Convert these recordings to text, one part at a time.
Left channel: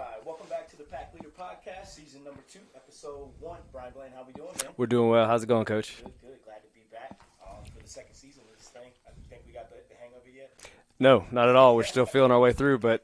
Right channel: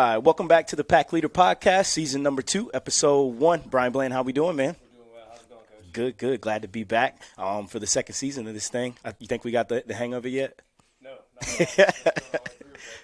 right. Welcome back to the Pack Leader Podcast, season number 2, episode 1. Brian Blaine, how we doing, man? We're doing well. How's it going, Coach? Good. Glad to be back for the second season of this thing. You think we got the hang of it yet? No, not at all. We're still feeling our way through, but,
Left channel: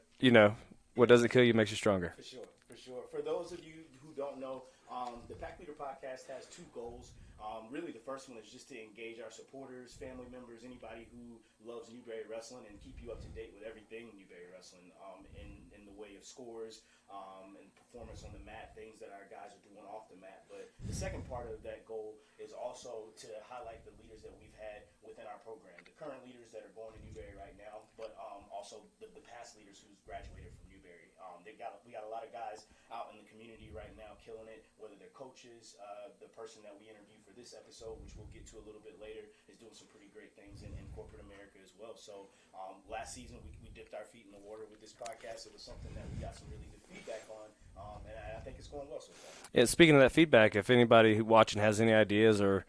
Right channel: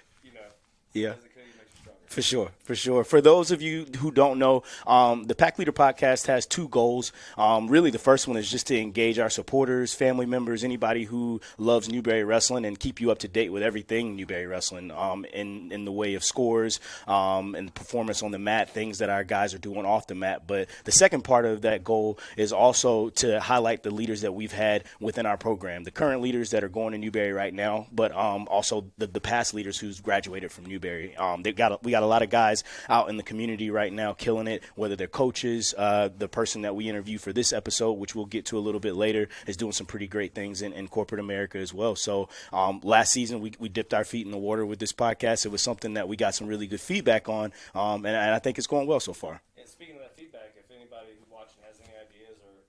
what Yeah. doesn't kill you makes you stronger. For sure. For those of you who don't know, the Pack Leader Podcast has 2 goals. Really, the first one is just to engage our supporters, family members, anybody who loves Newberry Wrestling, and keep you up to date with everything Newberry Wrestling in the way of scores and performance on the mat, things that our guys are doing off the mat. But the second part of that goal is also to highlight the leaders that we've had within our program, the current leaders that are going to Newberry right now, but also the past leaders who's graduated from Newberry. We got a lot of guys out in the community right now killing it, whether they're coaches. The person that we interview for this episode, which we'll get to a little bit later, is doing some pretty great things in corporate America as well. So last season we dipped our feet in the water with this podcast. It was something that we got some really good feedback on, and I think it's going well so far. Yeah, speaking of that feedback, if anybody watching has any ideas or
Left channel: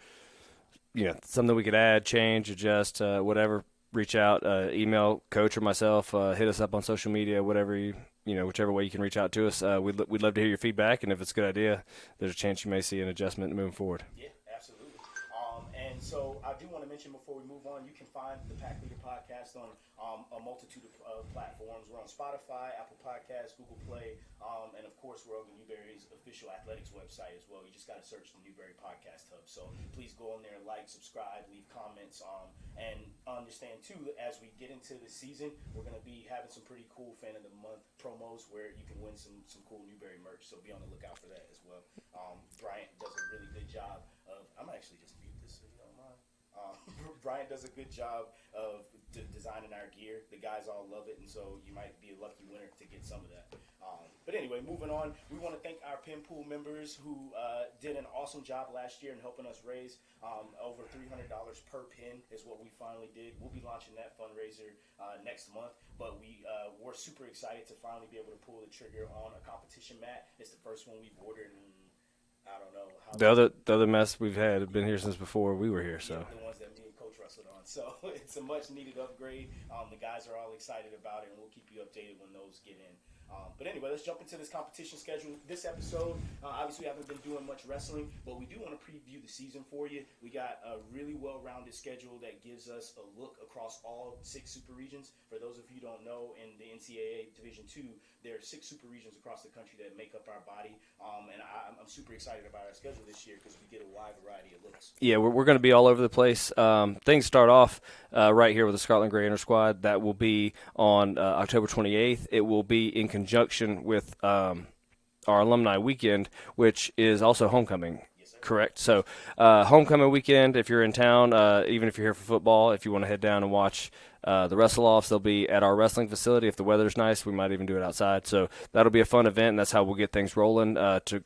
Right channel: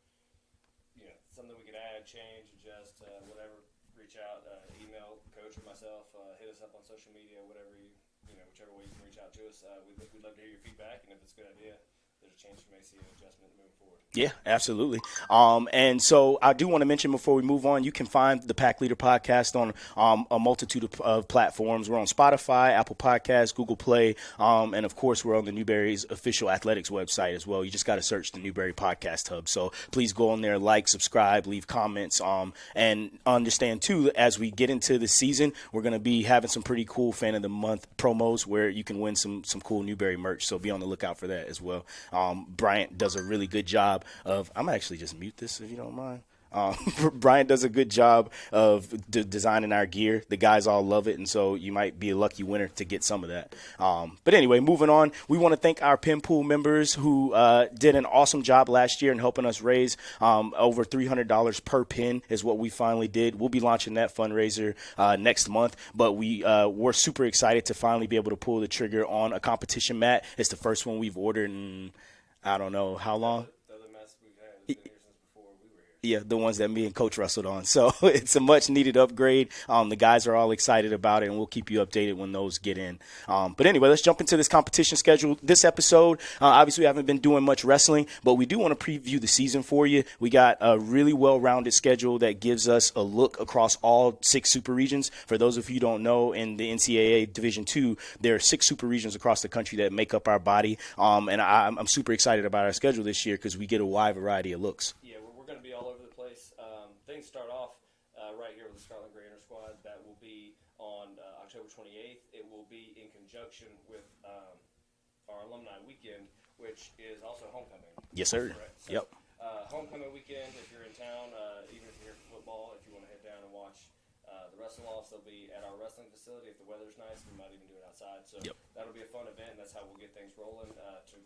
something we could add, change, adjust, whatever, reach out, email Coach or myself, hit us up on social media, whatever whichever way you can reach out to us. We'd love to hear your feedback, and if it's a good idea, there's a chance you may see an adjustment moving forward. Yeah, absolutely. And so I do want to mention before we move on, you can find the Pack Leader Podcast on a multitude of platforms. We're on Spotify, Apple Podcasts, Google Play, and, of course, we're on the Newberry's official athletics website as well. You just got to search the Newberry Podcast Hub. So please go on there, like, subscribe, leave comments, and understand, too, as we get into the season, we're going to be having some pretty cool Fan of the Month promos where you can win some cool Newberry merch, so be on the lookout for that as well. Bryant does a really good job of – I'm actually just mute this if you don't mind. Brian does a good job of designing our gear. The guys all love it, and so you might be a lucky winner to get some of that. But anyway, moving on, we want to thank our pin pool members who did an awesome job last year in helping us raise over $300 per pin is what we finally did. We'll be launching that fundraiser next month, but we're super excited to finally be able to pull the trigger on a competition mat. It's the first one we've ordered in I don't know how long. The other mess we've had have been here since before we were here. So. Yeah, the ones that me and Coach wrestled on. So it's a much-needed upgrade. The guys are all excited about it, and we'll keep you updated when those get in. But anyway, let's jump into this competition schedule. This episode, obviously we haven't been doing much wrestling, but we do want to preview the season for you. We got a really well-rounded schedule that gives us a look across all 6 super regions. For those of you who don't know, in the NCAA Division II, there are 6 super regions across the country that make up our body, and I'm super excited about our schedule this year because we get a wide variety of looks. Yeah, we're going to be all over the place. Things start off right here with the Scotland Gray Inter Squad. That will be on October 28th. It will be in conjunction with our alumni weekend, which is also homecoming. Yes, sir. Correct. So homecoming weekend, if you're in town, even if you're here for football, if you want to head down and watch the wrestle-offs, they'll be at our wrestling facility. If the weather's nice, we might even do it outside. So that'll be a fun event, and that's how we'll get things rolling to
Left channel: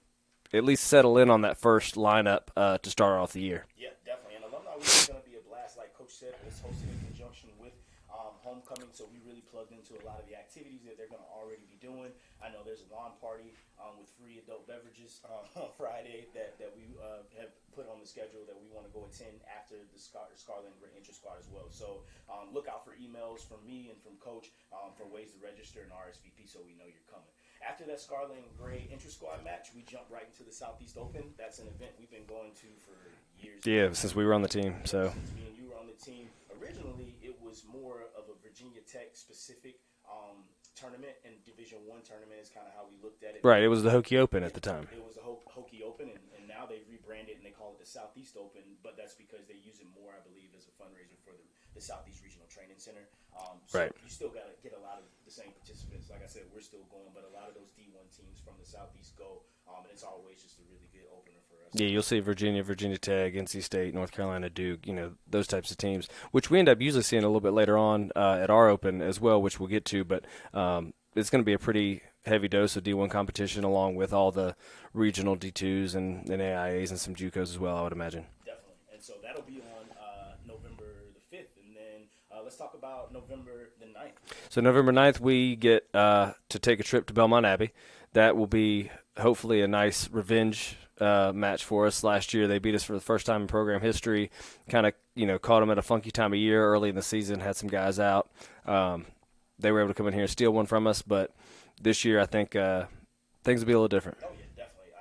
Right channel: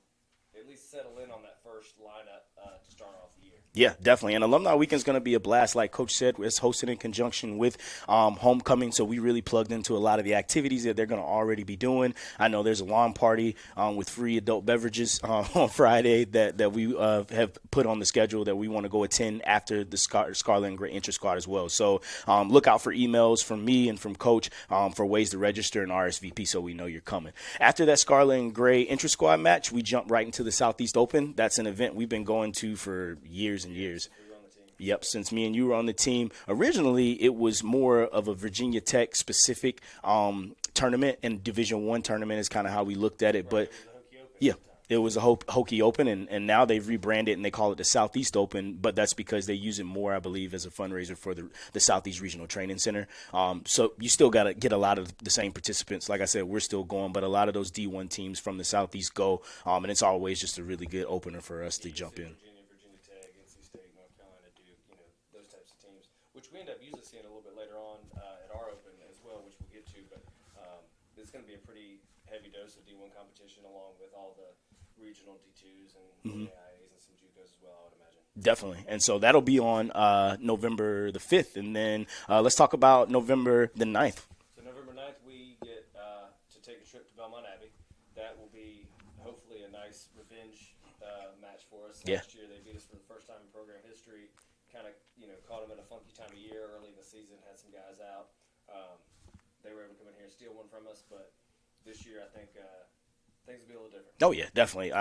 at least settle in on that first lineup to start off the year. Yeah, definitely. And Alumni Weekend is going to be a blast. Like Coach said, it's hosted in conjunction with homecoming, so we really plugged into a lot of the activities that they're going to already be doing. I know there's a lawn party with free adult beverages on Friday that we have put on the schedule that we want to go attend after the Scarlet and Gray Inter Squad as well. So look out for emails from me and from Coach for ways to register and RSVP so we know you're coming. After that Scarlet and Gray Inter Squad match, we jump right into the Southeast Open. That's an event we've been going to for years and years. Since we were on the team. Yep, since me and you were on the team. Originally, it was more of a Virginia Tech specific tournament, and Division I tournament is kind of how we looked at it. Right, but it was the Hokie Open at the time. It was a Hokie Open, and now they've rebranded and they call it the Southeast Open, but that's because they use it more, I believe, as a fundraiser for the Southeast Regional Training Center. So you still got to get a lot of the same participants. Like I said, we're still going, but a lot of those D1 teams from the Southeast go, and it's always just a really good opener for us. Yeah, you'll see Virginia Tech, NC State, North Carolina, Duke, those types of teams, which we end up usually seeing a little bit later on at our Open as well, which we'll get to, but it's going to be a pretty heavy dose of D1 competition along with all the regional D2s and AIAs and some JUCOs as well, I would imagine. Definitely. And so that'll be on November the 5th. And then let's talk about November the 9th. So November 9th, we get to take a trip to Belmont Abbey. That will be hopefully a nice revenge match for us. Last year they beat us for the first time in program history. Kind of, caught them at a funky time of year early in the season, had some guys out. They were able to come in here and steal one from us, but this year I think things will be a little different. Oh, yeah, definitely.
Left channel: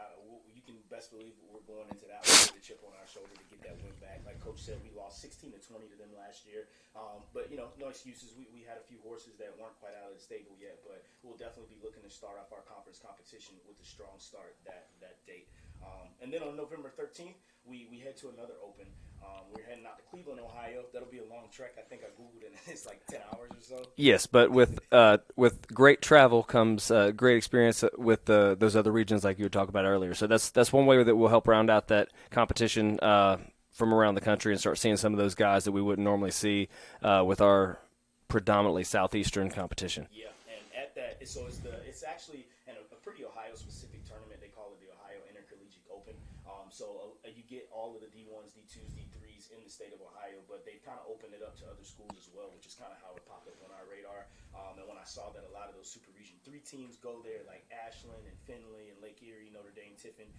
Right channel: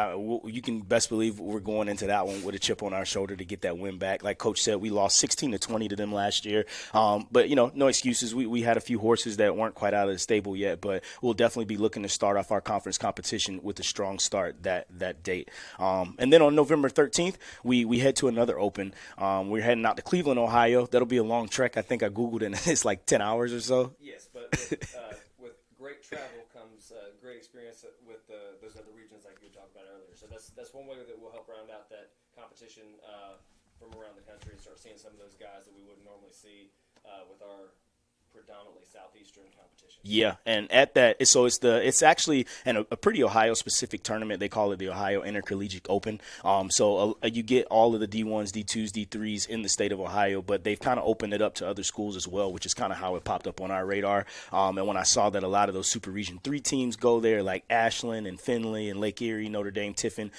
You can best believe we're going into that one with a chip on our shoulder to get that win back. Like Coach said, we lost 16-20 to them last year. But, no excuses. We had a few horses that weren't quite out of the stable yet, but we'll definitely be looking to start off our conference competition with a strong start that date. And then on November 13th, we head to another open. We're heading out to Cleveland, Ohio. That'll be a long trek. I think I Googled it, and it's like 10 hours or so. Yes, but with great travel comes great experience with those other regions like you were talking about earlier. So that's one way that we'll help round out that competition from around the country and start seeing some of those guys that we wouldn't normally see with our predominantly southeastern competition. Yeah, and at that, so it's actually a pretty Ohio-specific tournament. They call it the Ohio Intercollegiate Open. So you get all of the D1s, D2s, D3s in the state of Ohio, but they've kind of opened it up to other schools as well, which is kind of how it popped up on our radar. And when I saw that a lot of those Super Region 3 teams go there, like Ashland and Findlay and Lake Erie, Notre Dame, Tiffin,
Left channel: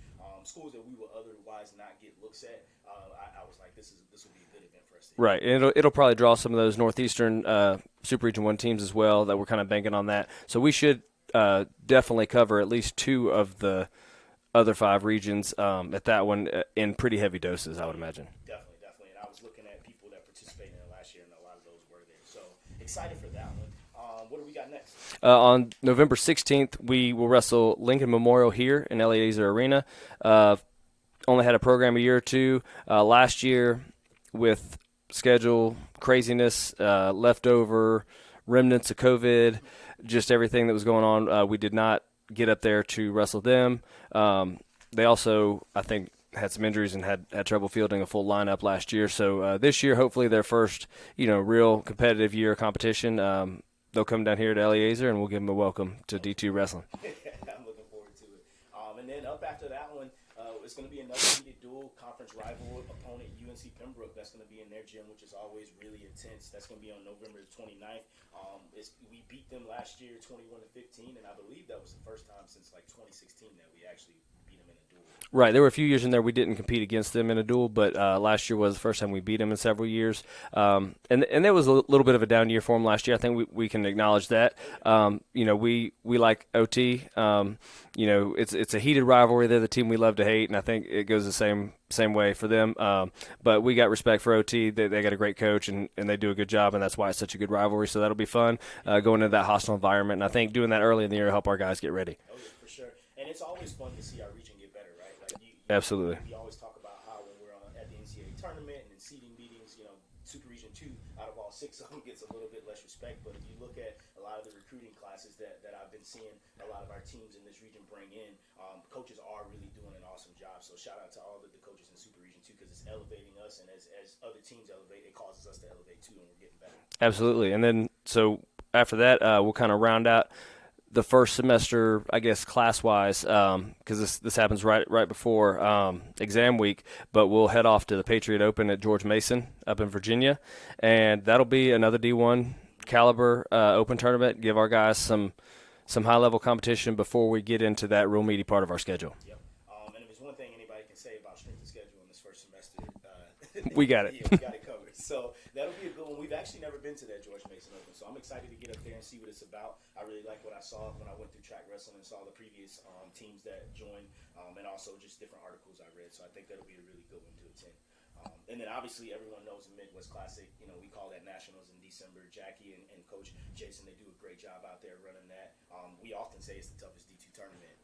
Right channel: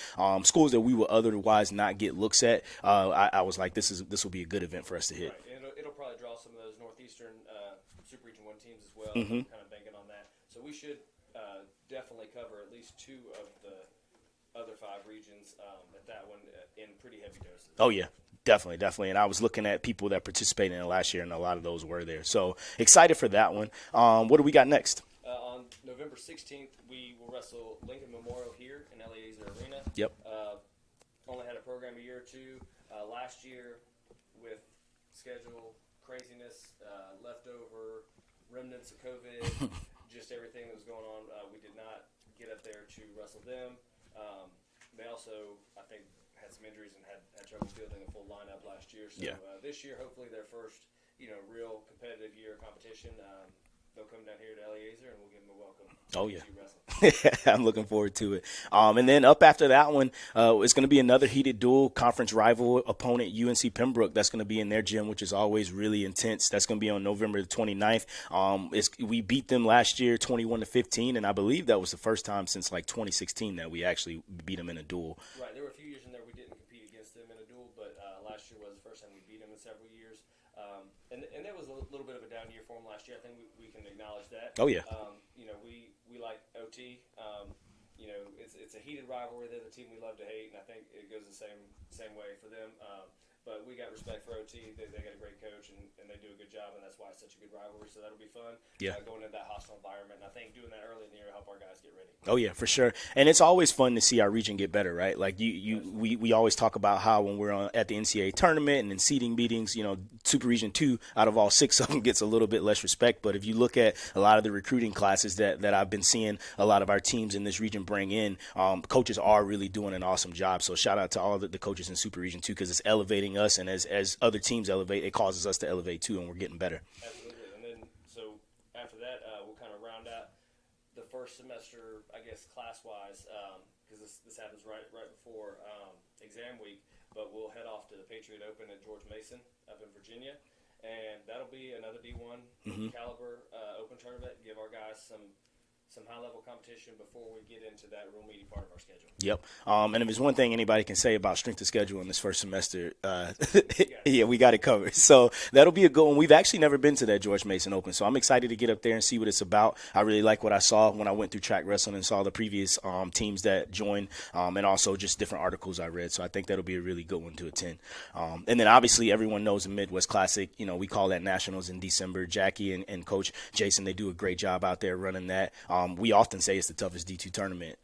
schools that we would otherwise not get looks at, I was like, this will be a good event for us to hit. Right, and it'll probably draw some of those northeastern Super Region 1 teams as well that we're kind of banking on that. So we should definitely cover at least 2 of the other 5 regions at that one in pretty heavy doses, I would imagine. Definitely. And I was looking at people that participated in it last year, and a lot of those were there. So excited for that one. What do we got next? On November 16th, we will wrestle Lincoln Memorial here in Eliezer Arena. Yep. Only had a program a year or two. Last year with schedule craziness, leftover remnants of COVID, just everything that was going on. We did not get up there to wrestle them. They also, I think, had some injuries and had trouble fielding a full lineup last year. So this year, hopefully their first, real competitive year of competition. They'll come down here to Eliezer, and we'll give them a welcome to D2 Wrestling. I'm looking forward to it. And then up after that one, it's going to be another heated duel, conference rival opponent, UNC Pembroke. That's going to be in their gym, which is always really intense. That's going to be on November the 29th. We beat them last year 21-15, and I believe that was the first time since like 2016 that we actually beat them in a duel. Right. There were a few years in there we didn't compete against them in a duel, but last year was the first time we beat them in several years. And that was a little bit of a down year for them last year. I think we can acknowledge that. Oh yeah. We like OT. It's a heated rivalry. They're the team we love to hate, and I think it goes the same way for them. But we got respect for OT. They got a great coach, and they do a good job, and that's why it's such a good rivalry. So that'll be fun going into that hostile environment. And I think doing that early in the year will help our guys get ready. Oh yeah, for sure. And it's always fun to see our region get better, right? Like Absolutely. We always talk about how when we're at the NCAA tournament and in seeding meetings, Super Region 2 out of all 6 of them gets a little bit less respect. But if you look at a lot of the recruiting classes that I've been seeing a lot of our teams in this region bring in, coaches are really doing an awesome job. So shout out to all of the coaches in Super Region 2 because it's elevating us, and as other teams elevate, it causes us to elevate too, and we're getting better. Absolutely. And then so after that, we'll kind of round out the first semester, I guess, class-wise, because this happens right before exam week. But we'll head off to the Patriot Open at George Mason up in Virginia, and that'll be another D1 caliber open tournament. Give our guys some high-level competition before we get into that real meaty part of our schedule. Yep. And if there's one thing anybody can say about strength of schedule in this first semester, we got it. Yeah, we got it covered. So that'll be a good one. We've actually never been to that George Mason Open, so I'm excited to get up there and see what it's about. I really like what I saw when I went through track wrestling and saw the previous teams that joined, and also just different articles I read. So I think that'll be a really good one to attend. And then obviously everyone knows the Midwest Classic. We call that Nationals in December. Jackie and Coach Jason, they do a great job out there running that. We often say it's the toughest D2 tournament,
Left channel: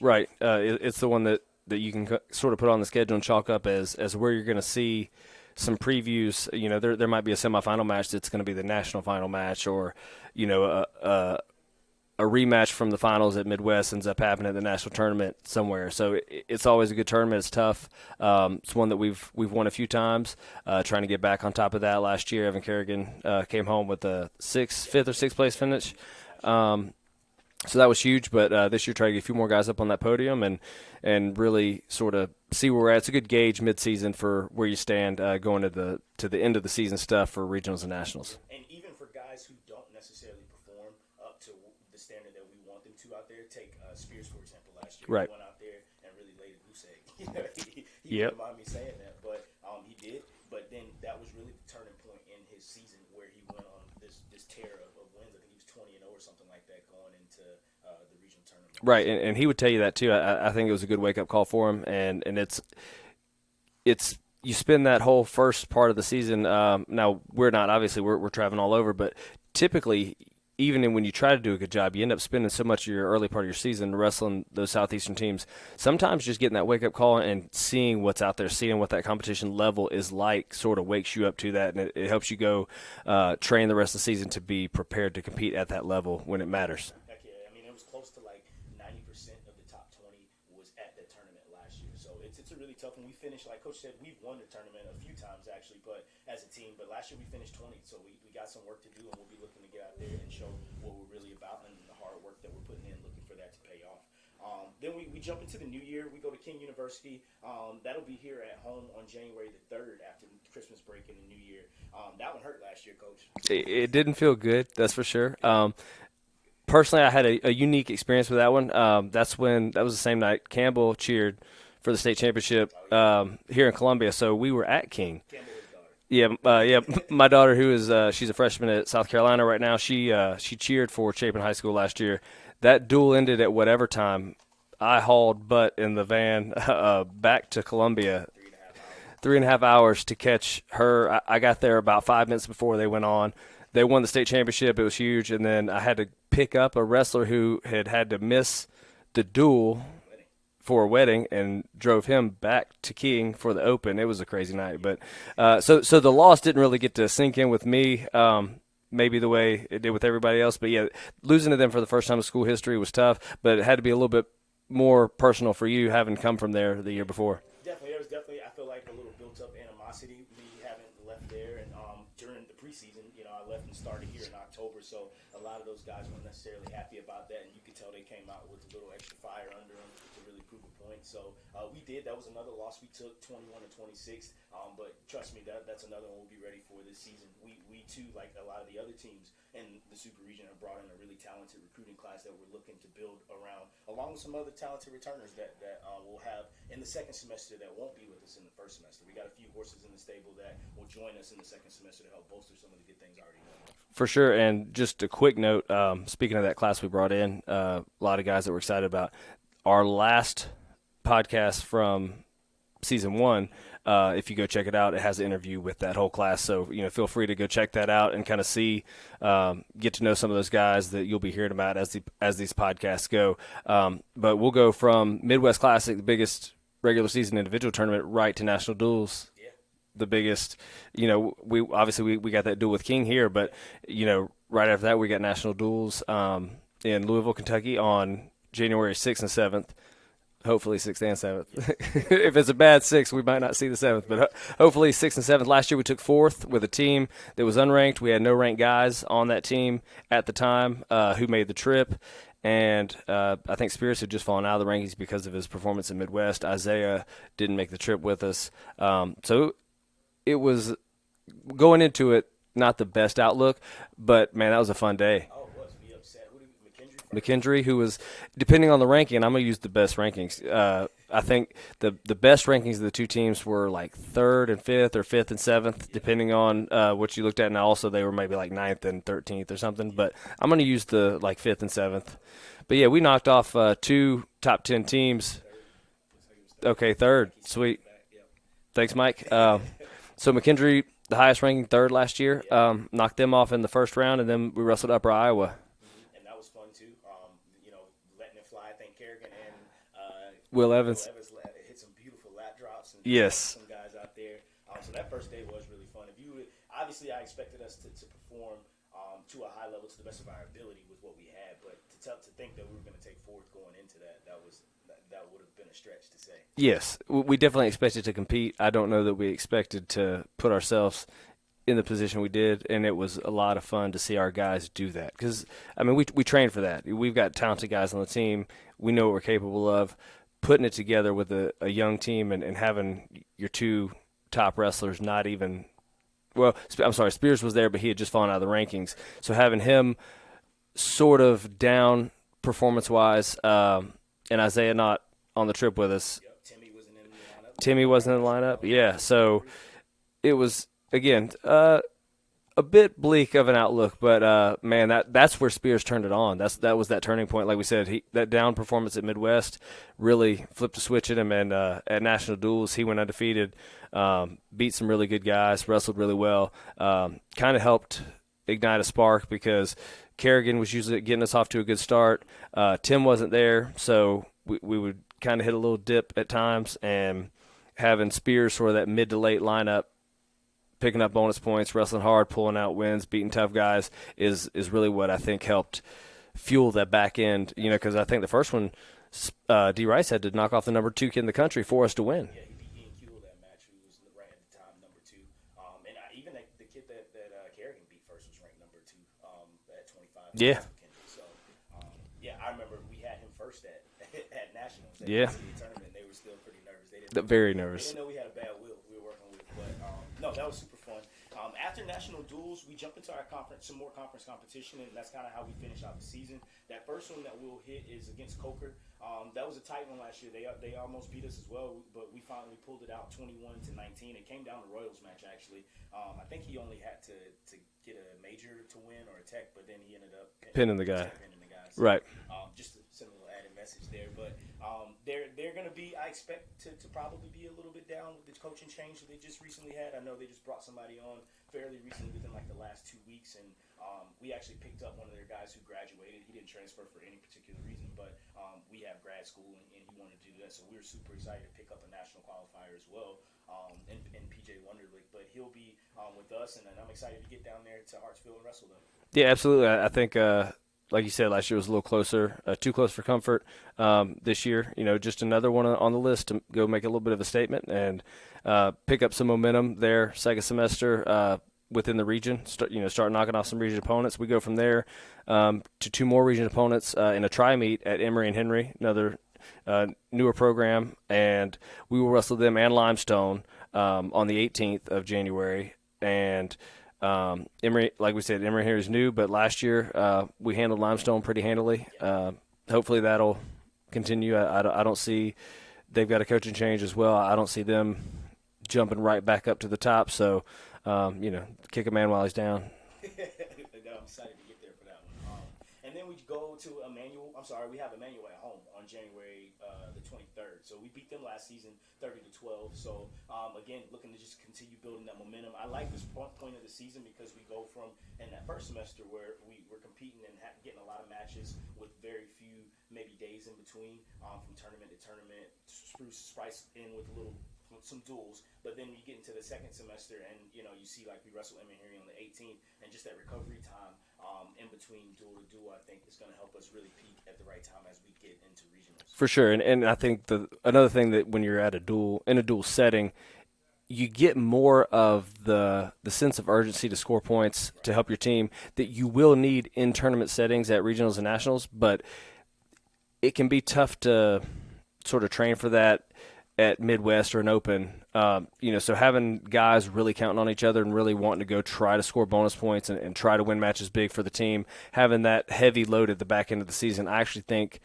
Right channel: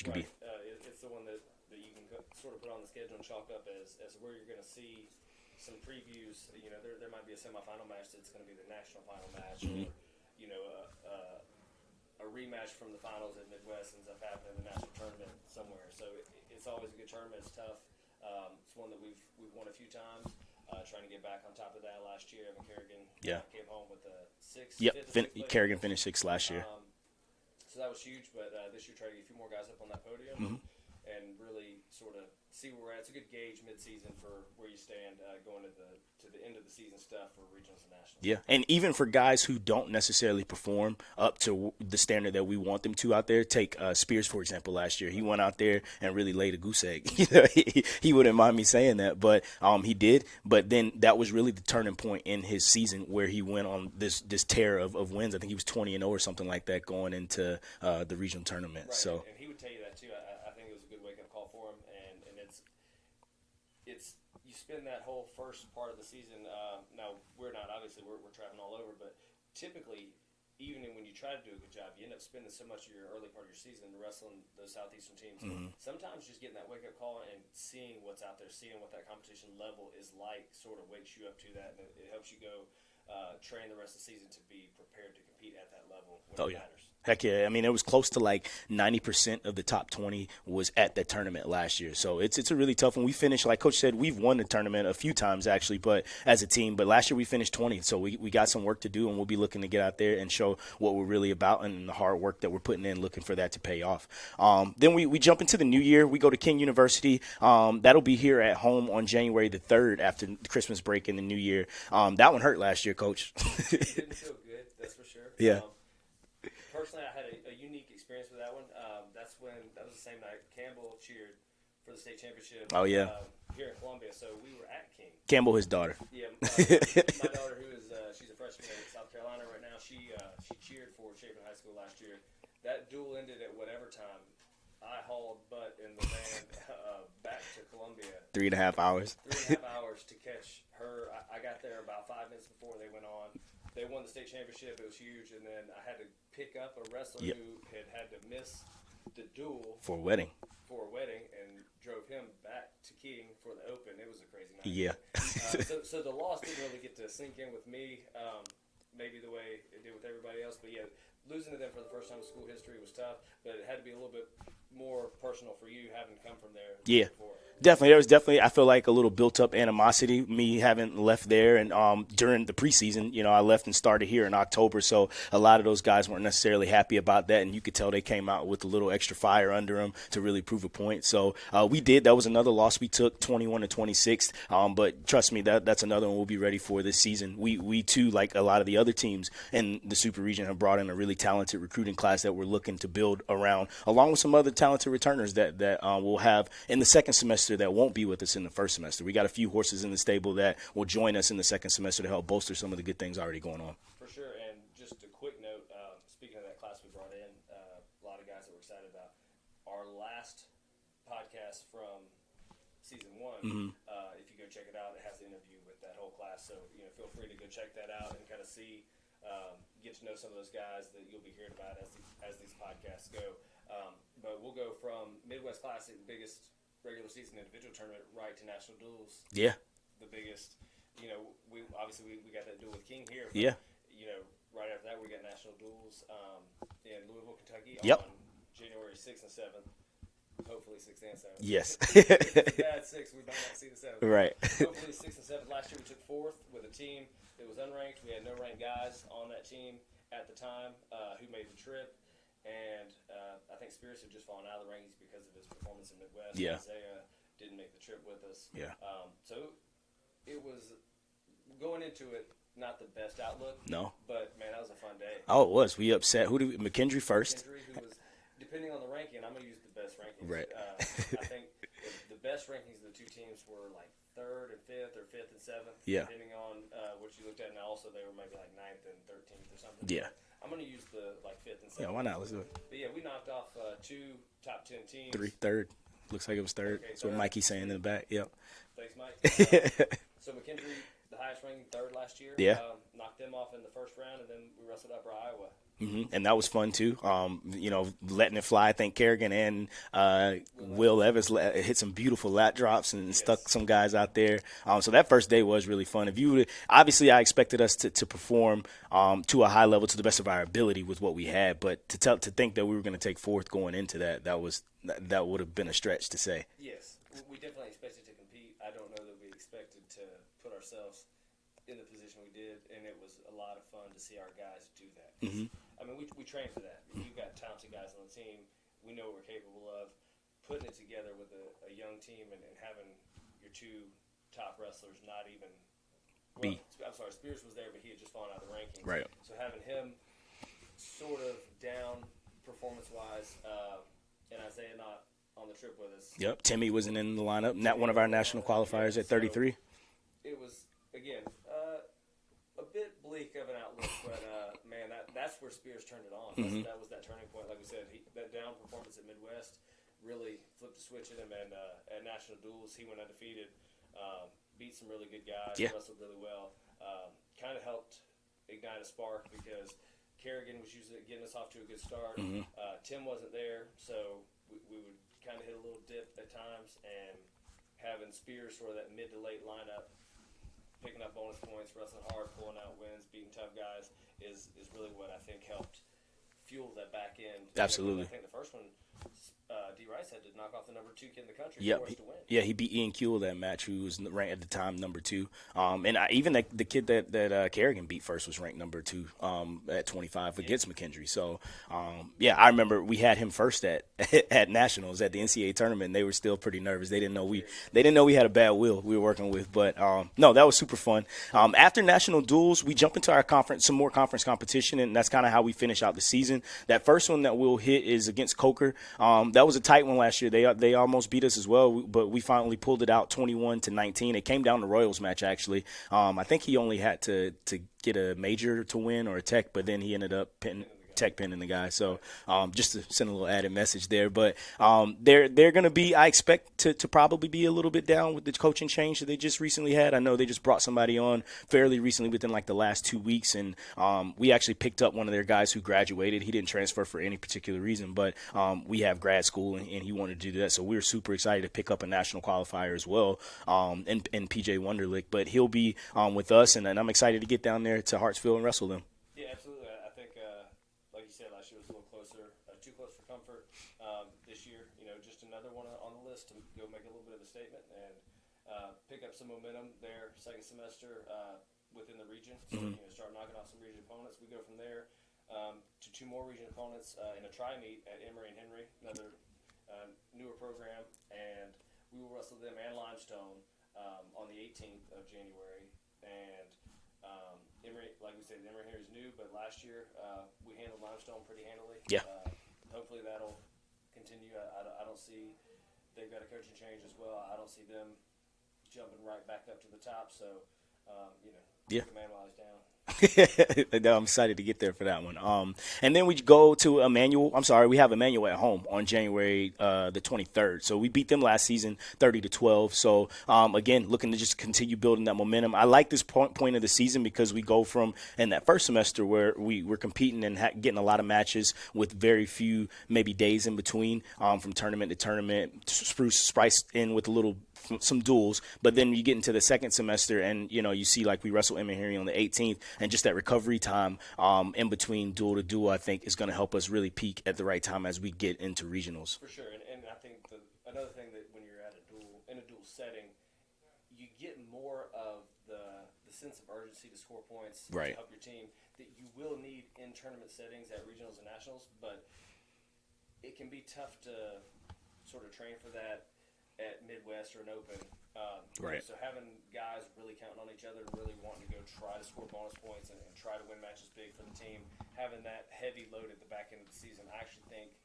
Right. It's the one that you can sort of put on the schedule and chalk up as where you're going to see some previews. There might be a semifinal match that's going to be the national final match, or, a rematch from the finals at Midwest ends up happening at the national tournament somewhere. So it's always a good tournament. It's tough. It's one that we've won a few times. Trying to get back on top of that last year. Evan Kerrigan came home with a fifth or sixth place finish. Finished sixth last year. So that was huge, but this year try to get a few more guys up on that podium, and and really sort of see where we're at. It's a good gauge mid-season for where you stand going to the end of the season stuff for regionals and nationals. Yeah, and even for guys who don't necessarily perform up to the standard that we want them to out there, take Spears, for example, last year. Right. He went out there and really laid a goose egg. He wouldn't mind me saying that, but he did. But then that was really the turning point in his season where he went on this tear of wins. I think he was 20-0 or something like that going into the regional tournament. Right, So, and he would tell you that too. I think it was a good wake-up call for him, and it's you spend that whole first part of the season. Now we're not obviously we're traveling all over, but typically, even when you try to do a good job, you end up spending so much of your early part of your season wrestling those Southeastern teams. Mm-hmm. Sometimes just getting that wake-up call and seeing what's out there, seeing what that competition level is like sort of wakes you up to that, and it helps you go train the rest of the season to be prepared to compete at that level when it matters. Heck yeah. I mean, it was close to like 90% of the top 20 was at that tournament last year. So it's a really tough one. We finished, like Coach said, we've won the tournament a few times actually, but as a team. But last year we finished 20, so we got some work to do, and we'll be looking to get out there and show what we're really about and the hard work that we're putting in, looking for that to pay off. Then we jump into the new year. We go to King University. That'll be here at home on January the 3rd after the Christmas break in the new year. That one hurt last year, Coach. It didn't feel good, that's for sure. Yeah. Personally, I had a unique experience with that one. That was the same night Campbell cheered for the state championship here in Columbia. So we were at King. Campbell, his daughter. Yeah, my daughter, who is she's a freshman at South Carolina right now. She cheered for Chapin High School last year. That duel ended at whatever time. I hauled butt in the van back to Columbia. 3.5 hours. 3.5 hours to catch her. I got there about 5 minutes before they went on. They won the state championship. It was huge. And then I had to pick up a wrestler who had to miss the duel for a wedding and drove him back to King for the Open. It was a crazy night. Yeah. But so the loss didn't really get to sink in with me. Maybe the way it did with everybody else. But, yeah, losing to them for the first time in school history was tough, but it had to be a little bit more personal for you having come from there the year before. Definitely. There was definitely, I feel like, a little built-up animosity, me having left there. And during the preseason, I left and started here in October. So a lot of those guys weren't necessarily happy about that. And you could tell they came out with a little extra fire under them to really prove a point. So we did. That was another loss we took, 21-26. But trust me, that's another one we'll be ready for this season. We too, like a lot of the other teams in the Super Region, have brought in a really talented recruiting class that we're looking to build around, along with some other talented returners that we'll have in the second semester that won't be with us in the first semester. We got a few horses in the stable that will join us in the second semester to help bolster some of the good things already going on. For sure. And just a quick note, speaking of that class we brought in, a lot of guys that we're excited about. Our last podcast from season 1, if you go check it out, it has an interview with that whole class. So, feel free to go check that out and kind of see, get to know some of those guys that you'll be hearing about as these podcasts go. But we'll go from Midwest Classic, the biggest regular season individual tournament, right to national duels. Yeah. The biggest, we obviously we got that duel with King here, but right after that we got national duels in Louisville, Kentucky on January 6th and 7th. Hopefully 6th and 7th. Yes. If it's a bad 6th, we might not see the 7th. Right. But hopefully 6th and 7th. Last year we took 4th with a team that was unranked. We had no ranked guys on that team at the time who made the trip. And I think Spears had just fallen out of the rankings because of his performance in Midwest. Yeah. Isaiah didn't make the trip with us. Yeah. So it was going into it, not the best outlook, but, man, that was a fun day. Oh, it was. We upset. McKendree first? McKendree, who was, depending on the ranking, and I'm going to use the best rankings. Right. I think the best rankings of the two teams were like 3rd and 5th or 5th and 7th, depending on what you looked at. And also they were maybe like 9th and 13th or something. Yeah. But I'm going to use the 5th and 7th. But, yeah, we knocked off 2 top 10 teams. Third. Looks like it was 3rd. Okay, 3rd. Mikey Sweet. In the back. Yep. Thanks, Mike. So McKendree, the highest ranking, 3rd last year, knocked them off in the first round, and then we wrestled Upper Iowa. Mm-hmm. And that was fun too. Letting it fly. I think Kerrigan and Will Evans hit some beautiful lat drops and stuck some guys out there. So that first day was really fun. Obviously, I expected us to perform to a high level to the best of our ability with what we had, but to think that we were going to take 4th going into that would have been a stretch to say. Yes, we definitely expected to compete. I don't know that we expected to put ourselves in the position we did, and it was a lot of fun to see our guys do that because, I mean, we trained for that. We've got talented guys on the team. We know what we're capable of. putting it together with a young team and having your two top wrestlers not even – well, I'm sorry, Spears was there, but he had just fallen out of the rankings. Right. So having him sort of down performance-wise and Isaiah not on the trip with us. Yep, Timmy wasn't in the lineup. Timmy wasn't in the lineup, yeah. So it was, again, a bit bleak of an outlook, but man, that's where Spears turned it on. That was that turning point. Like we said, that down performance at Midwest really flipped a switch at him, and at National Duels he went undefeated, beat some really good guys, wrestled really well, kind of helped ignite a spark because Kerrigan was usually getting us off to a good start. Tim wasn't there, so we would kind of hit a little dip at times, and having Spears sort of that mid to late lineup, picking up bonus points, wrestling hard, pulling out wins, beating tough guys is really what I think helped fuel that back end. Absolutely. Because I think the first one, D. Rice had to knock off the number 2 kid in the country for us to win. Yeah, he beat Ian Kuehl that match, who was ranked at the time number 2. And even the kid that Kerrigan beat first was ranked number 2 at 25 for Pitts McKendry. So, I remember we had him first at Nationals at the NCAA tournament. And they were still pretty nervous. They didn't know nervous. They didn't know we had a bad wheel we were working with. But no, that was super fun. After National Duels, we jump into our some more conference competition, and that's kind of how we finish out the season. That first one that we'll hit is against Coker. That was a tight one last year. They almost beat us as well, but we finally pulled it out 21-19. It came down to Royals match, actually. I think he only had to get a major to win or a tech, but then he ended up pinning the guy. So, right. Just to send a little added message there. But they're going to be, I expect to probably be a little bit down with the coaching change that they just recently had. I know they just brought somebody on fairly recently within like the last 2 weeks, and we actually picked up one of their guys who graduated. He didn't transfer for any particular reason, but we have grad school, and he wanted to do that. So we're super excited to pick up a national qualifier as well, and PJ Wunderlich. But he'll be with us, and I'm excited to get down there to Hartsville and wrestle them. Yeah, absolutely. I think, like you said, last year was a little closer, too close for comfort. This year, just another one on the list to go make a little bit of a statement and pick up some momentum there second semester within the region. Start knocking off some region opponents. We go from there to 2 more region opponents in a tri-meet at Emory and Henry, another newer program, and we will wrestle them and Limestone on the 18th of January. And Emory, like we said, Emory here is new, but last year we handled Limestone pretty handily. Yeah. Hopefully that'll continue. I don't see they've got a coaching change as well. I don't see them jumping right back up to the top. So, kick a man while he's down. I'm excited to get there for that one. And then we go to Emmanuel. I'm sorry, we have Emmanuel at home on January the 23rd. So we beat them last season 30-12. So, again, looking to just continue building that momentum. I like this point of the season because we go from in that first semester where we were competing and getting a lot of matches with very few maybe days in between from tournament to tournament, spiced in with a little some duels, but then you get into the second semester and you see like we wrestle Emory on the 18th, and just that recovery time in between duel to duel I think is going to help us really peak at the right time as we get into regionals. For sure. And I think another thing that when you're at in a duel setting, you get more of the sense of urgency to score points to help your team that you will need in tournament settings at regionals and nationals, but it can be tough to sort of train for that at Midwest or an Open, so having guys really counting on each other and really wanting to go try to score bonus points and try to win matches big for the team, having that heavy load at the back end of the season, I actually think,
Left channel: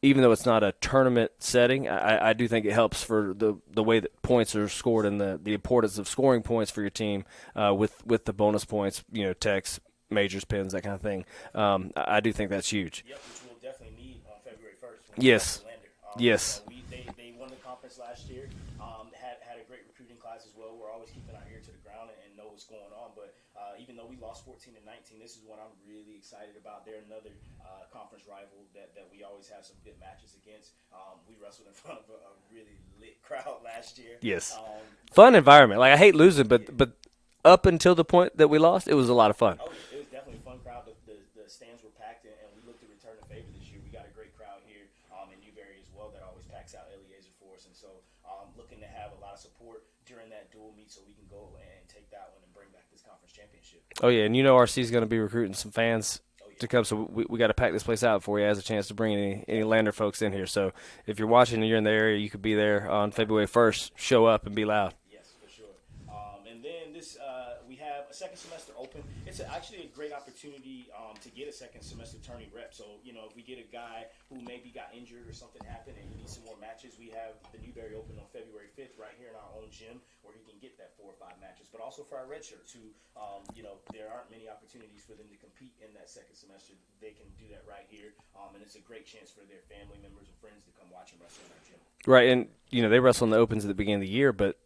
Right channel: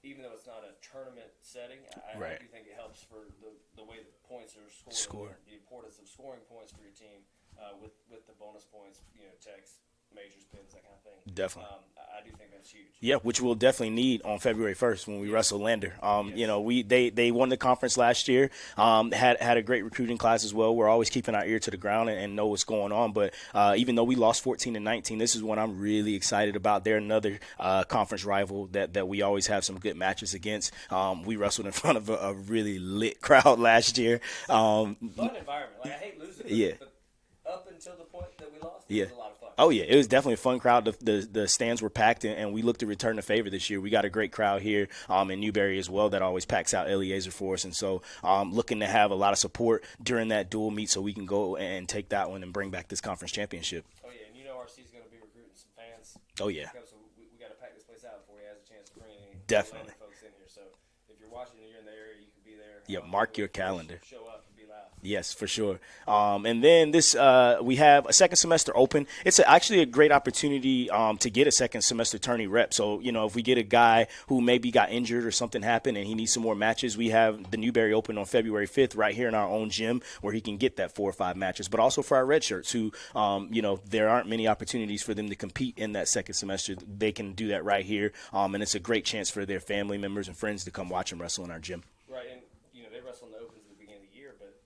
even though it's not a tournament setting, I do think it helps for the way that points are scored and the importance of scoring points for your team with the bonus points, techs, majors, pins, that kind of thing. Definitely. I do think that's huge. Yeah, which we'll definitely need on February 1st when we wrestle Lander. They won the conference last year, had a great recruiting class as well. We're always keeping our ear to the ground and know what's going on. But even though we lost 14-19, this is one I'm really excited about. They're another conference rival that we always have some good matches against. We wrestled in front of a really lit crowd last year. Yes. Fun environment. Like, I hate losing, but up until the point that we lost, it was a lot of fun. Oh, yeah. It was definitely a fun crowd. The stands were packed, and we look to return the favor this year. We got a great crowd here in Newberry as well that always packs out Eliezer for us. And so looking to have a lot of support during that dual meet so we can go and take that one and bring back this conference championship. Oh, yeah. And RC is going to be recruiting some fans to come. So we got to pack this place out for you as a chance to bring any Lander folks in here. So if you're watching and you're in the area, you could be there on February 1st. Calendar. Show up and be loud. Yes, for sure. And then we have a second semester open. It's actually a great opportunity to get a second semester tourney rep. So, if we get a guy who maybe got injured or something happened and he needs some more matches, we have the Newberry Open on February 5th right here in our own gym where he can get that 4 or 5 matches. But also for our red shirts who, there aren't many opportunities for them to compete in that second semester. They can do that right here. And it's a great chance for their family members and friends to come watch them wrestle in our gym. Right. And, they wrestle in the Opens at the beginning of the year, but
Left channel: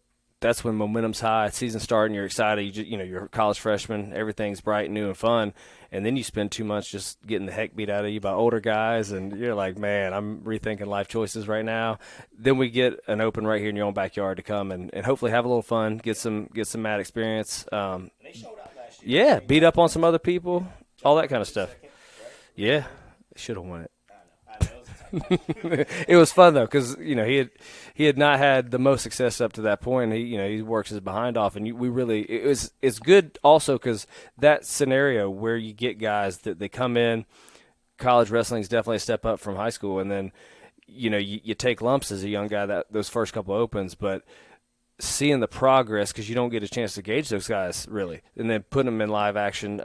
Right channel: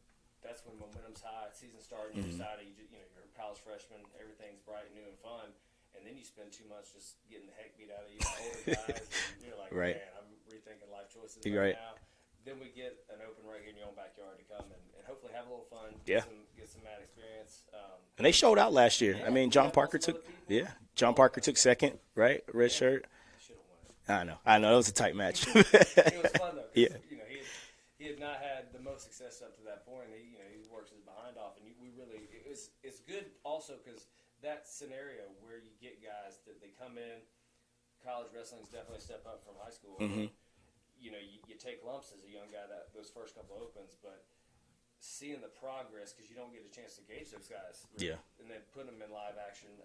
that's when momentum's high, season starting, you're excited, you're a college freshman, everything's bright, new, and fun, and then you spend 2 months just getting the heck beat out of you by older guys, and you're like, man, I'm rethinking life choices right now. Then we get an open right here in your own backyard to come and hopefully have a little fun, get some mad experience. And they showed out last year. Yeah, beat up on some other people, John all that Parker kind of took stuff. Second, right? Red shirt. Should have won it. I know. It was a tight match. It was fun though, because he had not had the most success up to that point. He works his behind off, and it's good also because that scenario where you get guys that they come in, college wrestling is definitely a step up from high school, and then you take lumps as a young guy those first couple opens, but seeing the progress because you don't get a chance to gauge those guys really, and then putting them in live action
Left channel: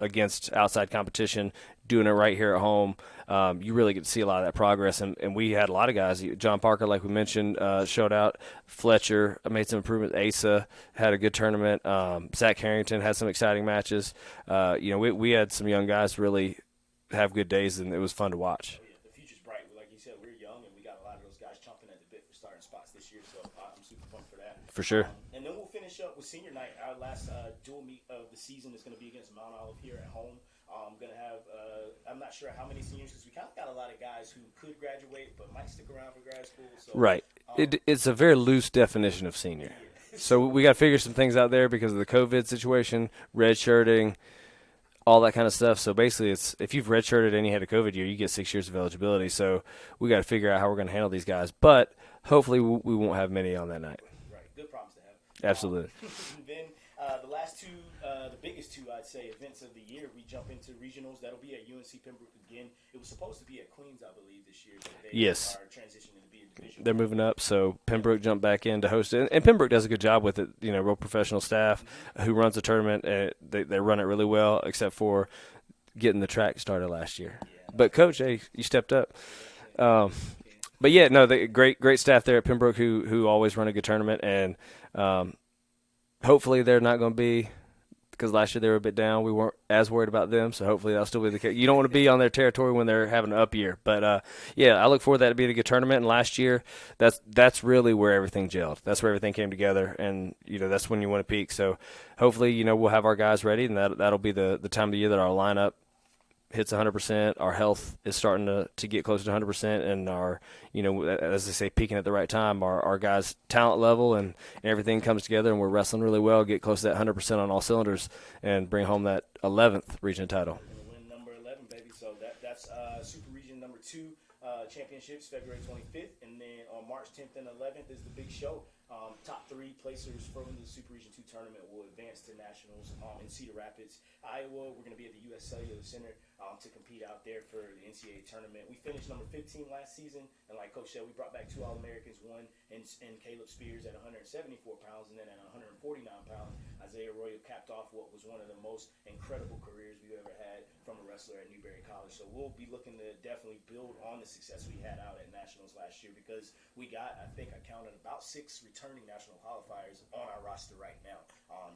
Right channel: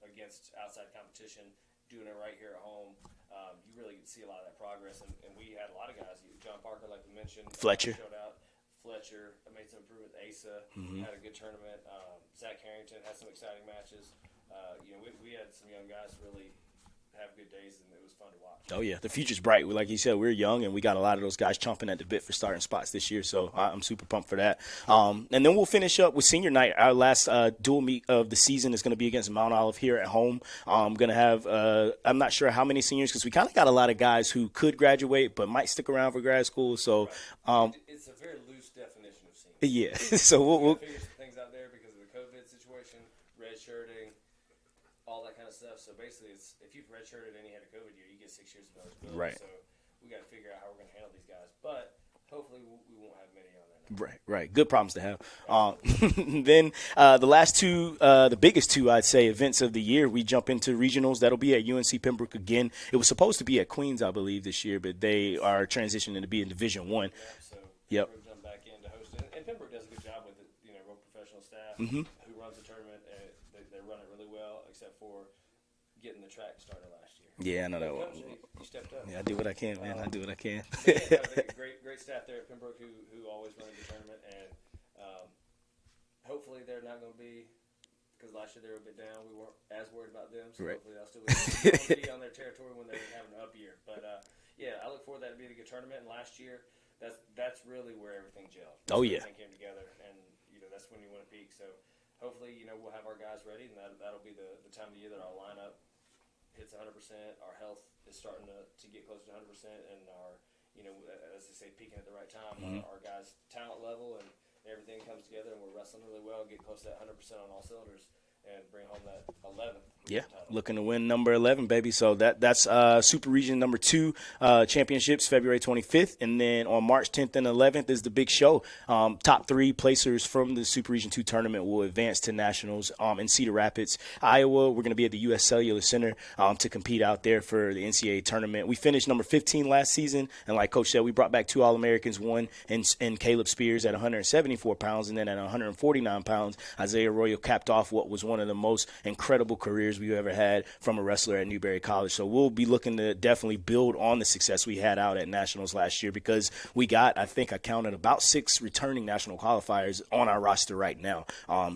against outside competition, doing it right here at home. You really get to see a lot of that progress, and we had a lot of guys. John Parker, like we mentioned, showed out. Fletcher made some improvements. Asa had a good tournament. Zach Harrington had some exciting matches. We had some young guys really have good days, and it was fun to watch. Oh, yeah. The future's bright. Like you said, we're young, and we got a lot of those guys chomping at the bit for starting spots this year, so I'm super pumped for that. For sure. And then we'll finish up with senior night. Our last dual meet of the season is going to be against Mount Olive here at home. I'm going to have I'm not sure how many seniors because we kind of got a lot of guys who could graduate but might stick around for grad school. So right. It's a very loose definition of senior. Yeah. So we got to figure some things out there because of the COVID situation, redshirting, all that kind of stuff. So basically, it's if you've redshirted and you had a COVID year, you get 6 years of eligibility. Right. So we got to figure out how we're going to handle these guys. But hopefully we won't have many on that night. Right. Good problems to have. Absolutely. Then the last two, the biggest two, I'd say, events of the year, we jump into regionals. That'll be at UNC Pembroke again. It was supposed to be at Queens, I believe, this year, but they are transitioning to be in Division They're 1. They're moving up, so Pembroke jumped back in to host it. And Pembroke does a good job with it, real professional staff who runs the tournament. They run it really well, except for getting the track started last year. Yeah, I know. But Coach, hey, you stepped up. Yeah, I do what I can. I do what I can. But yeah, no, the great staff there at Pembroke who always run a good tournament, and hopefully they're not going to be, because last year they were a bit down. We weren't as worried about them, so hopefully that'll still be the case. You don't want to be on their territory when they're having an up year. But I look forward to that to being a good tournament. And last year, that's really where everything gelled. That's where everything came together, and that's when you want to peak. So hopefully, we'll have our guys ready, and that'll be the time of the year that our lineup hits 100%. Our health is starting to get closer to 100%, and our, as they say, peaking at the right time. Our guys' talent level and everything comes together, and we're wrestling really well. Get close to that 100% on all cylinders, and bring home that 11th region title. Looking to win number 11, baby. So that's Super Region number 2 championships, February 25th, and then on March 10th and 11th is the big show. Top 3 placers from the Super Region 2 tournament will advance to nationals in Cedar Rapids, Iowa. We're going to be at the U.S. Cellular Center to compete out there for the NCAA tournament. We finished number 15 last season, and like Coach said, we brought back 2 All-Americans, one in Caleb Spears at 174 pounds, and then at 149 pounds, Isaiah Royal capped off what was one of the most incredible careers we've ever had from a wrestler at Newberry College. So we'll be looking to definitely build on the success we had out at Nationals last year, because we got, I think I counted, about 6 returning national qualifiers on our roster right now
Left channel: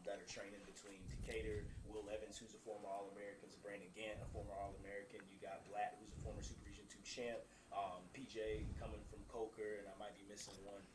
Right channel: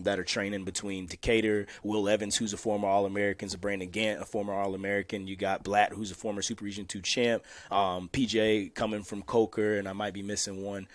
that are training between Decatur, Will Evans, who's a former All-American, Brandon Gant, a former All-American. You got Blatt, who's a former Super Region 2 champ, PJ coming from Coker, and I might be missing one.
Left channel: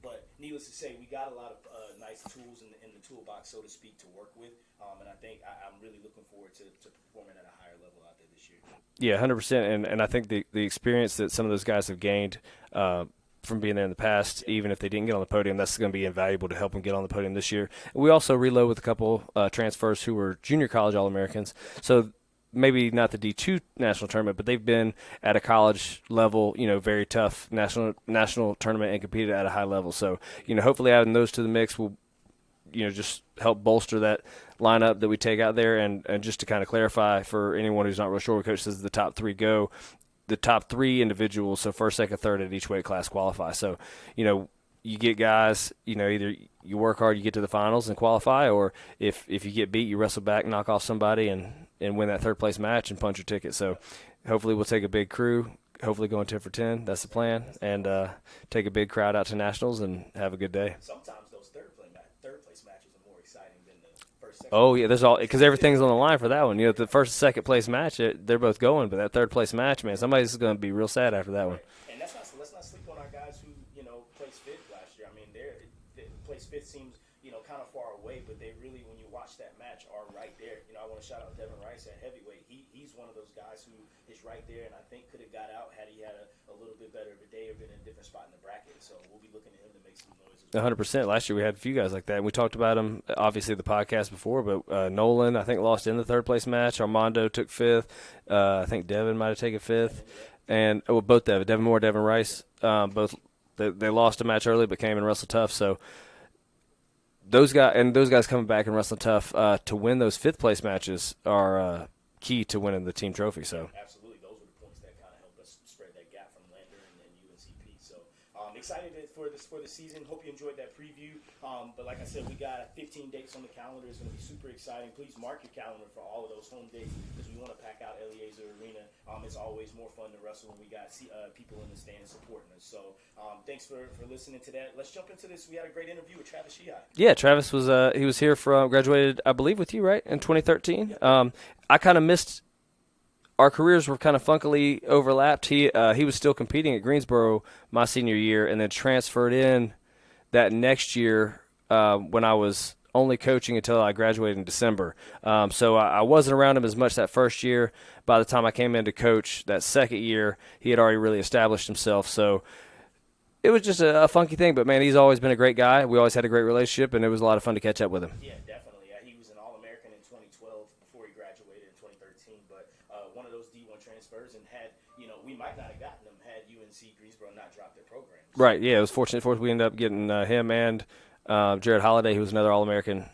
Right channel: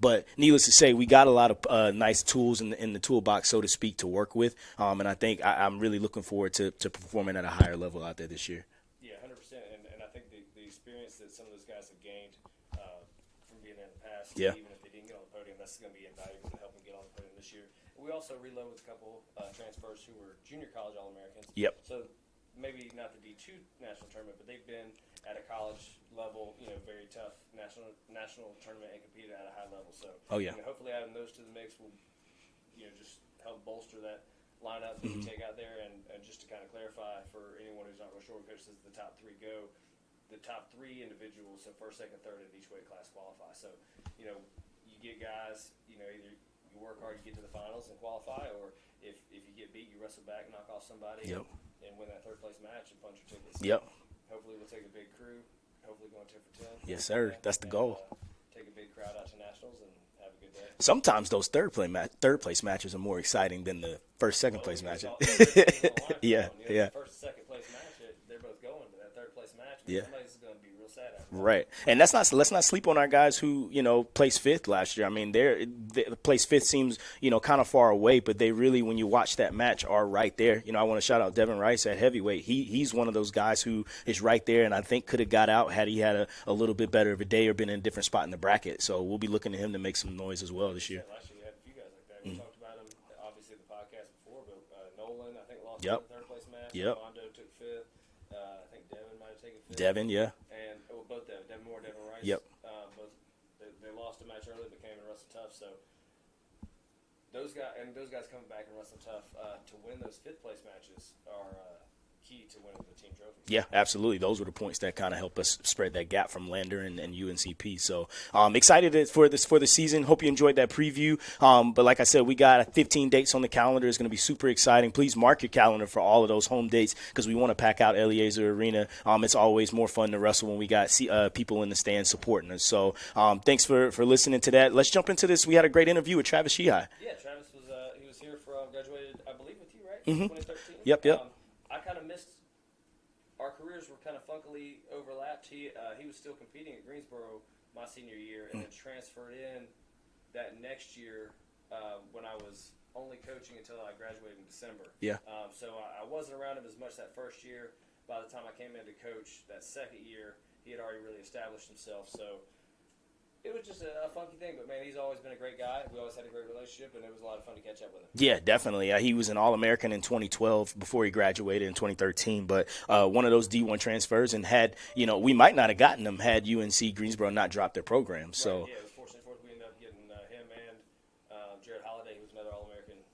But needless to say, we got a lot of nice tools in the toolbox, so to speak, to work with. And I think I'm really looking forward to performing at a higher level out there this year. Yeah, 100%. And I think the experience that some of those guys have gained from being there in the past, even if they didn't get on the podium, that's going to be invaluable to help them get on the podium this year. We also reload with a couple transfers who were junior college All-Americans. So maybe not the D2 national tournament, but they've been at a college level, very tough national tournament and competed at a high level. So, hopefully adding those to the mix will just help bolster that lineup that we take out there. And just to kind of clarify for anyone who's not real sure, Coach says the top 3 go. The top 3 individuals, so first, second, third at each weight class qualify. So, you get guys, either you work hard, you get to the finals and qualify, or if you get beat, you wrestle back, knock off somebody, and win that third place match and punch your ticket. So hopefully we'll take a big crew, hopefully going 10 for 10. That's the plan. That's the goal. And take a big crowd out to nationals and have a good day. Sometimes those third place matches are more exciting than the first, second. Oh place yeah, match. there's all because everything's on the line for Yeah, that one. yeah. The first, second place match, they're both going, but that third place match, man, somebody's going to be real sad after that. Right, and let's not sleep on our guys who placed 5th last year. I mean, they placed 5th seems kind of far away, but they really, when you watch that match, are right there. I want to shout out Devin Rice at heavyweight. He's one of those guys who is right there, and I think could have got out had he had a little bit better of a day or been in a different spot in the bracket. So we'll be looking to him to make some noise as well. 100%. Last year we had a few guys like that. And we talked about them, obviously, the podcast before, but Nolan, I think, lost in the third place match. Armando took 5th. I think Devin might have taken 5th. Devin, yeah. And both Devin Moore, Devin Rice. Both they lost a match early but came and wrestled tough. So those guys coming back and wrestling tough to win those 5th place matches are key to winning the team trophy. So. Yeah, absolutely. Those were the points that kind of help us spread that gap from Lander and UNCP. So excited for the season. Hope you enjoyed that preview. But like I said, we got 15 dates on the calendar. It's going to be super exciting. Please mark your calendar for all of those home dates because we want to pack out Eliezer Arena. It's always more fun to wrestle when we got people in the stands supporting us. So thanks for listening to that. Let's jump into this. We had a great interview with Travis Sheehy. Yeah, Travis was he was here graduated, I believe, with you, right, in 2013? Yep. I kind of missed – our careers were kind of funkily overlapped. He was still competing at Greensboro my senior year and then transferred in that next year when I was only coaching until I graduated in December. Yeah. So I wasn't around him as much that first year. By the time I came in to coach that second year, he had already really established himself. So it was just a funky thing, but, man, he's always been a great guy. We always had a great relationship, and it was a lot of fun to catch up with him. Yeah, definitely. He was an All-American in 2012 before he graduated in 2013, but one of those D1 transfers and had, we might not have gotten him had UNC Greensboro not dropped their program. So. Right, yeah, it was fortunate for us. We ended up getting him and Jared Holliday, who was another All-American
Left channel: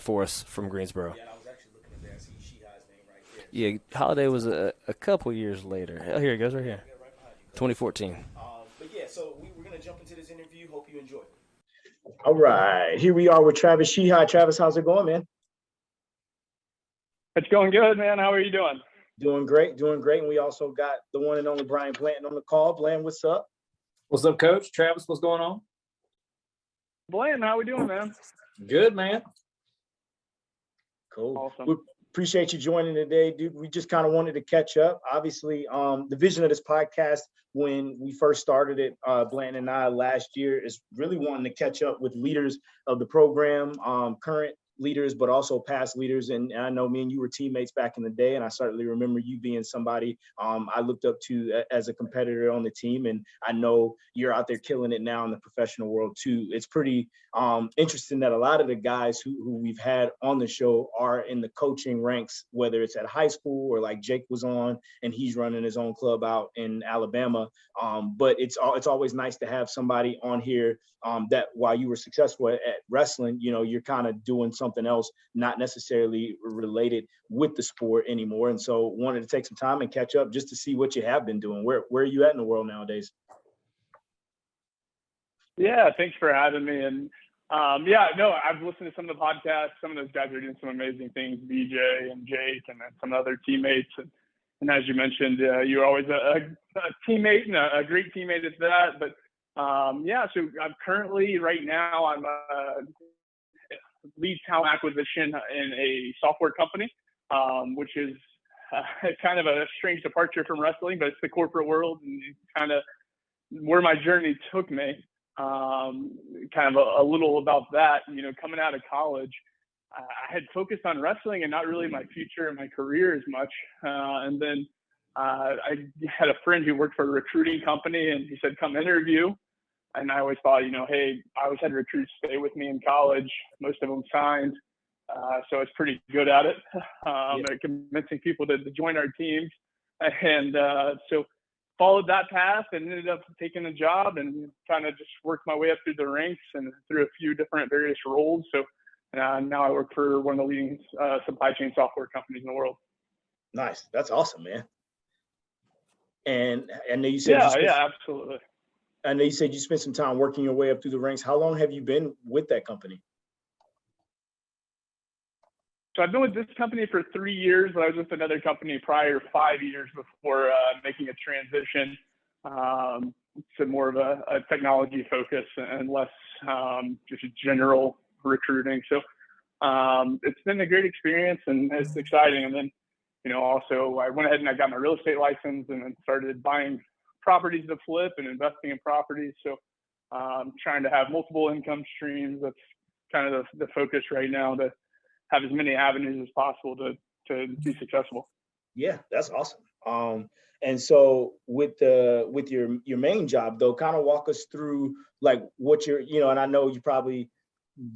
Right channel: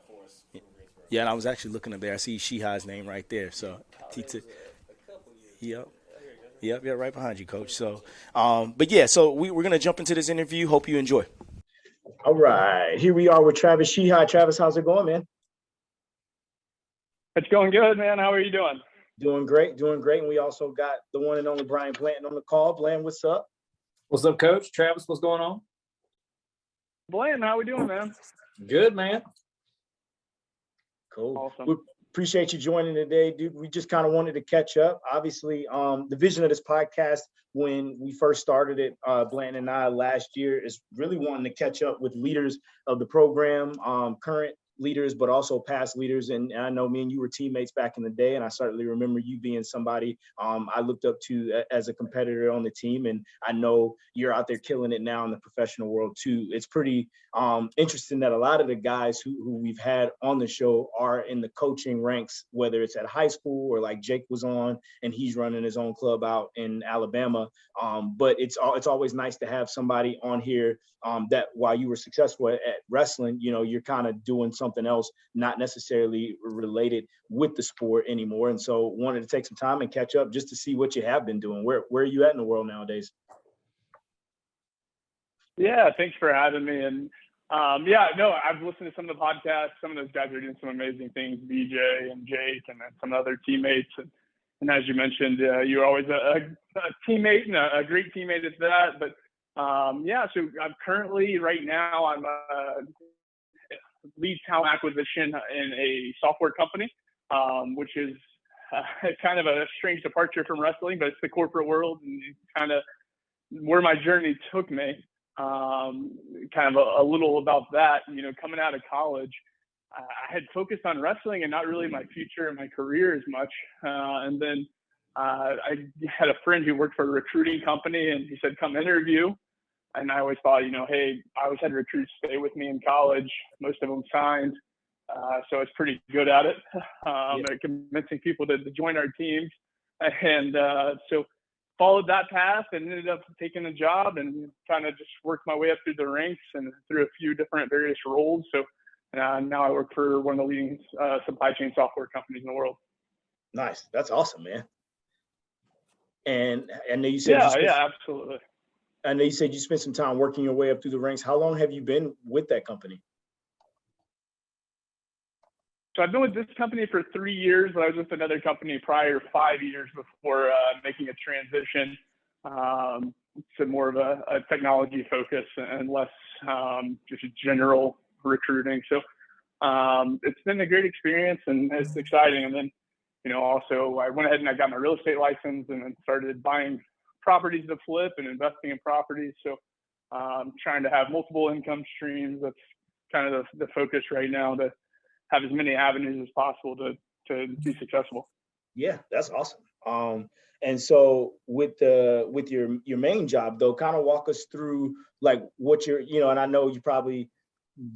for us from Greensboro. Yeah, and I was actually looking up there. I see Sheehy's name right there. So. Yeah, Holliday was a couple years later. Oh, here he goes right here. Yeah, right behind you, Coach. 2014. So, but, yeah, so we're going to jump into this interview. Hope you enjoy. All right. Here we are with Travis Sheehy. Travis, how's it going, man? It's going good, man. How are you doing? Doing great. And we also got the one and only Brian Blanton on the call. Blanton, what's up? What's up, Coach? Travis, what's going on? Blaine, how we doing, man? Good, man. Cool. Awesome. We appreciate you joining today, dude. We just kind of wanted to catch up. Obviously, the vision of this podcast when we first started it, Blanton and I last year, is really wanting to catch up with leaders of the program, current leaders, but also past leaders. And I know me and you were teammates back in the day, and I certainly remember you being somebody I looked up to as a competitor on the team. And I know you're out there killing it now in the professional world too. It's pretty interesting that a lot of the guys who we've had on the show are in the coaching ranks, whether it's at high school or like Jake was on and he's running his own club out in Alabama. But it's always nice to have somebody on here that while you were successful at wrestling, you're kind of doing something else, not necessarily related with the sport anymore. And so wanted to take some time and catch up just to see what you have been doing. Where are you at in the world nowadays? Yeah, thanks for having me. And I've listened to some of the podcasts. Some of those guys are doing some amazing things, BJ and Jake and then some other teammates. And as you mentioned, you're always a teammate and a great teammate at that. But so I'm currently right now, I'm lead talent acquisition in a software company, which is kind of a strange departure from wrestling, but it's the corporate world and kind of where my journey took me. Kind of a little about that, coming out of college, I had focused on wrestling and not really my future and my career as much. And then I had a friend who worked for a recruiting company and he said, come interview. And I always thought, hey, I always had recruits stay with me in college. Most of them signed. So I was pretty good at it, at convincing people to join our teams. And so followed that path and ended up taking a job and kind of just worked my way up through the ranks and through a few different various roles. So Now I work for one of the leading supply chain software companies in the world. Nice. That's awesome, man. And I know you said Absolutely. I know you said you spent some time working your way up through the ranks. How long have you been with that company? So I've been with this company for 3 years, but I was with another company prior 5 years before making a transition to more of a technology focus and less just general recruiting. So it's been a great experience and it's exciting. And then, also I went ahead and I got my real estate license and then started buying properties to flip and investing in properties. So trying to have multiple income streams. That's kind of the focus right now, to have as many avenues as possible to be successful. Yeah, that's awesome. And so with your main job though, kind of walk us through like what you're, and I know you probably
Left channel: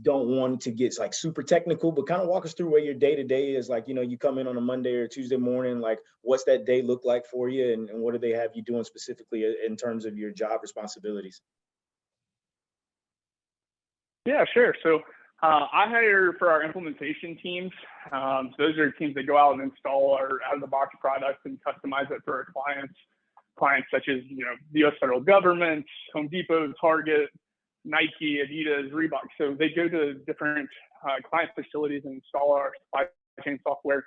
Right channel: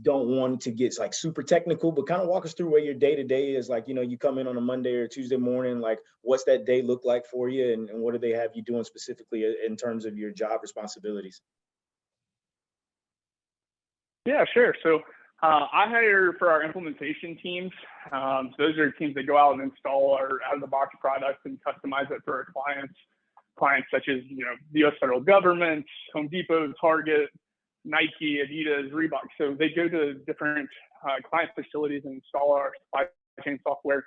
don't want to get like super technical, but kind of walk us through where your day-to-day is. Like, you come in on a Monday or Tuesday morning, like what's that day look like for you, and what do they have you doing specifically in terms of your job responsibilities? Yeah, sure. So I hire for our implementation teams. So those are teams that go out and install our out-of-the-box products and customize it for our clients such as, the U.S. federal government, Home Depot, Target, Nike, Adidas, Reebok. So they go to different client facilities and install our supply chain software.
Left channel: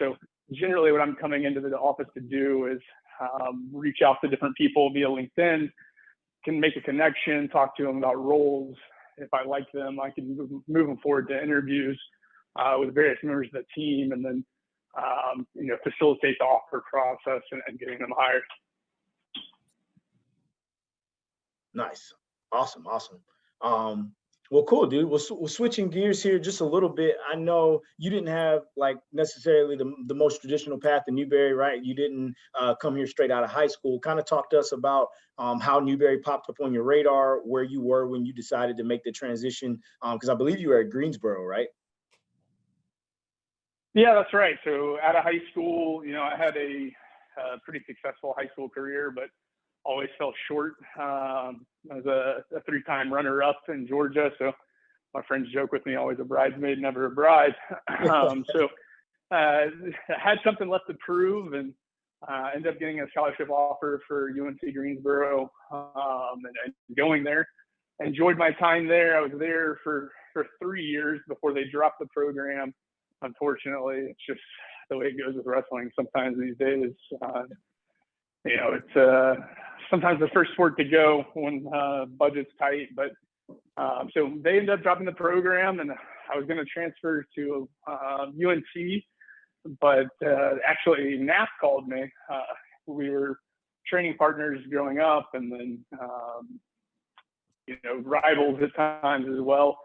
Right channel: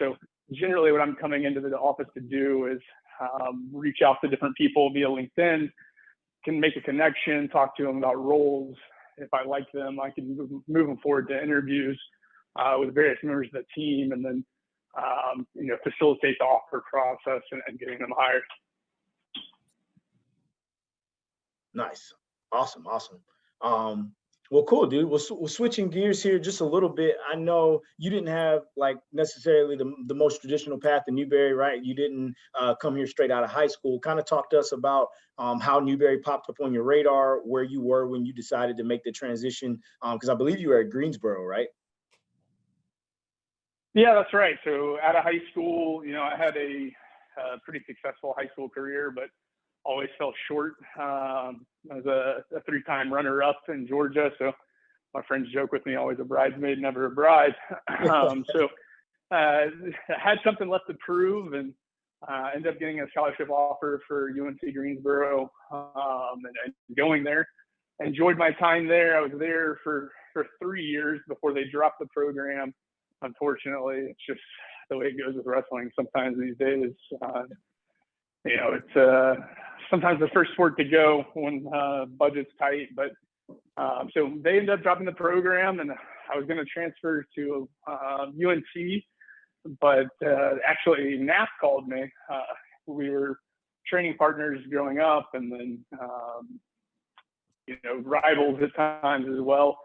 So generally what I'm coming into the office to do is reach out to different people via LinkedIn, can make a connection, talk to them about roles. If I like them, I can move them forward to interviews with various members of the team, and then facilitate the offer process and getting them hired. Nice. Awesome. Well, cool, dude. We're switching gears here just a little bit. I know you didn't have like necessarily the most traditional path to Newberry, right? You didn't come here straight out of high school. Kind of talk to us about how Newberry popped up on your radar, where you were when you decided to make the transition, because I believe you were at Greensboro, right? Yeah, that's right. So out of high school, I had a pretty successful high school career, but always fell short. I was a 3-time runner-up in Georgia, so my friends joke with me, always a bridesmaid, never a bride. So I had something left to prove, and ended up getting a scholarship offer for UNC Greensboro, and going there. Enjoyed my time there. I was there for 3 years before they dropped the program. Unfortunately, it's just the way it goes with wrestling sometimes these days. It's sometimes the first sport to go when budget's tight, but so they ended up dropping the program, and I was going to transfer to UNC, but actually NAF called me. We were training partners growing up, and then rivals at times as well.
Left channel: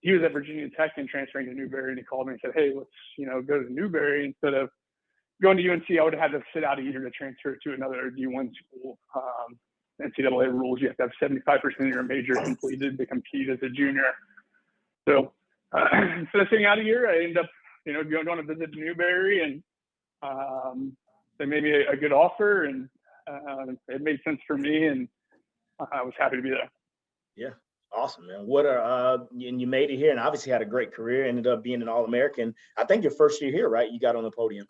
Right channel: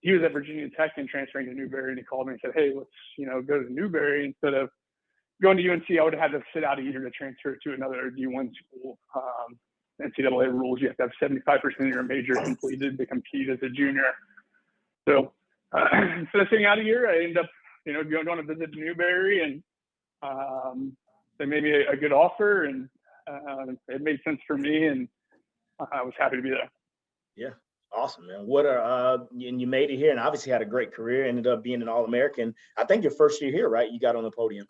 He was at Virginia Tech and transferring to Newberry, and he called me and said, "Hey, let's go to Newberry instead of going to UNC." I would have had to sit out a year to transfer to another D1 school. NCAA rules, you have to have 75% of your major completed to compete as a junior. So instead of sitting out a year, I ended up, going to visit Newberry, and they made me a good offer, and it made sense for me, and I was happy to be there. Yeah. Awesome, man. And you made it here and obviously had a great career, ended up being an All-American. I think your first year here, right? You got on the podium.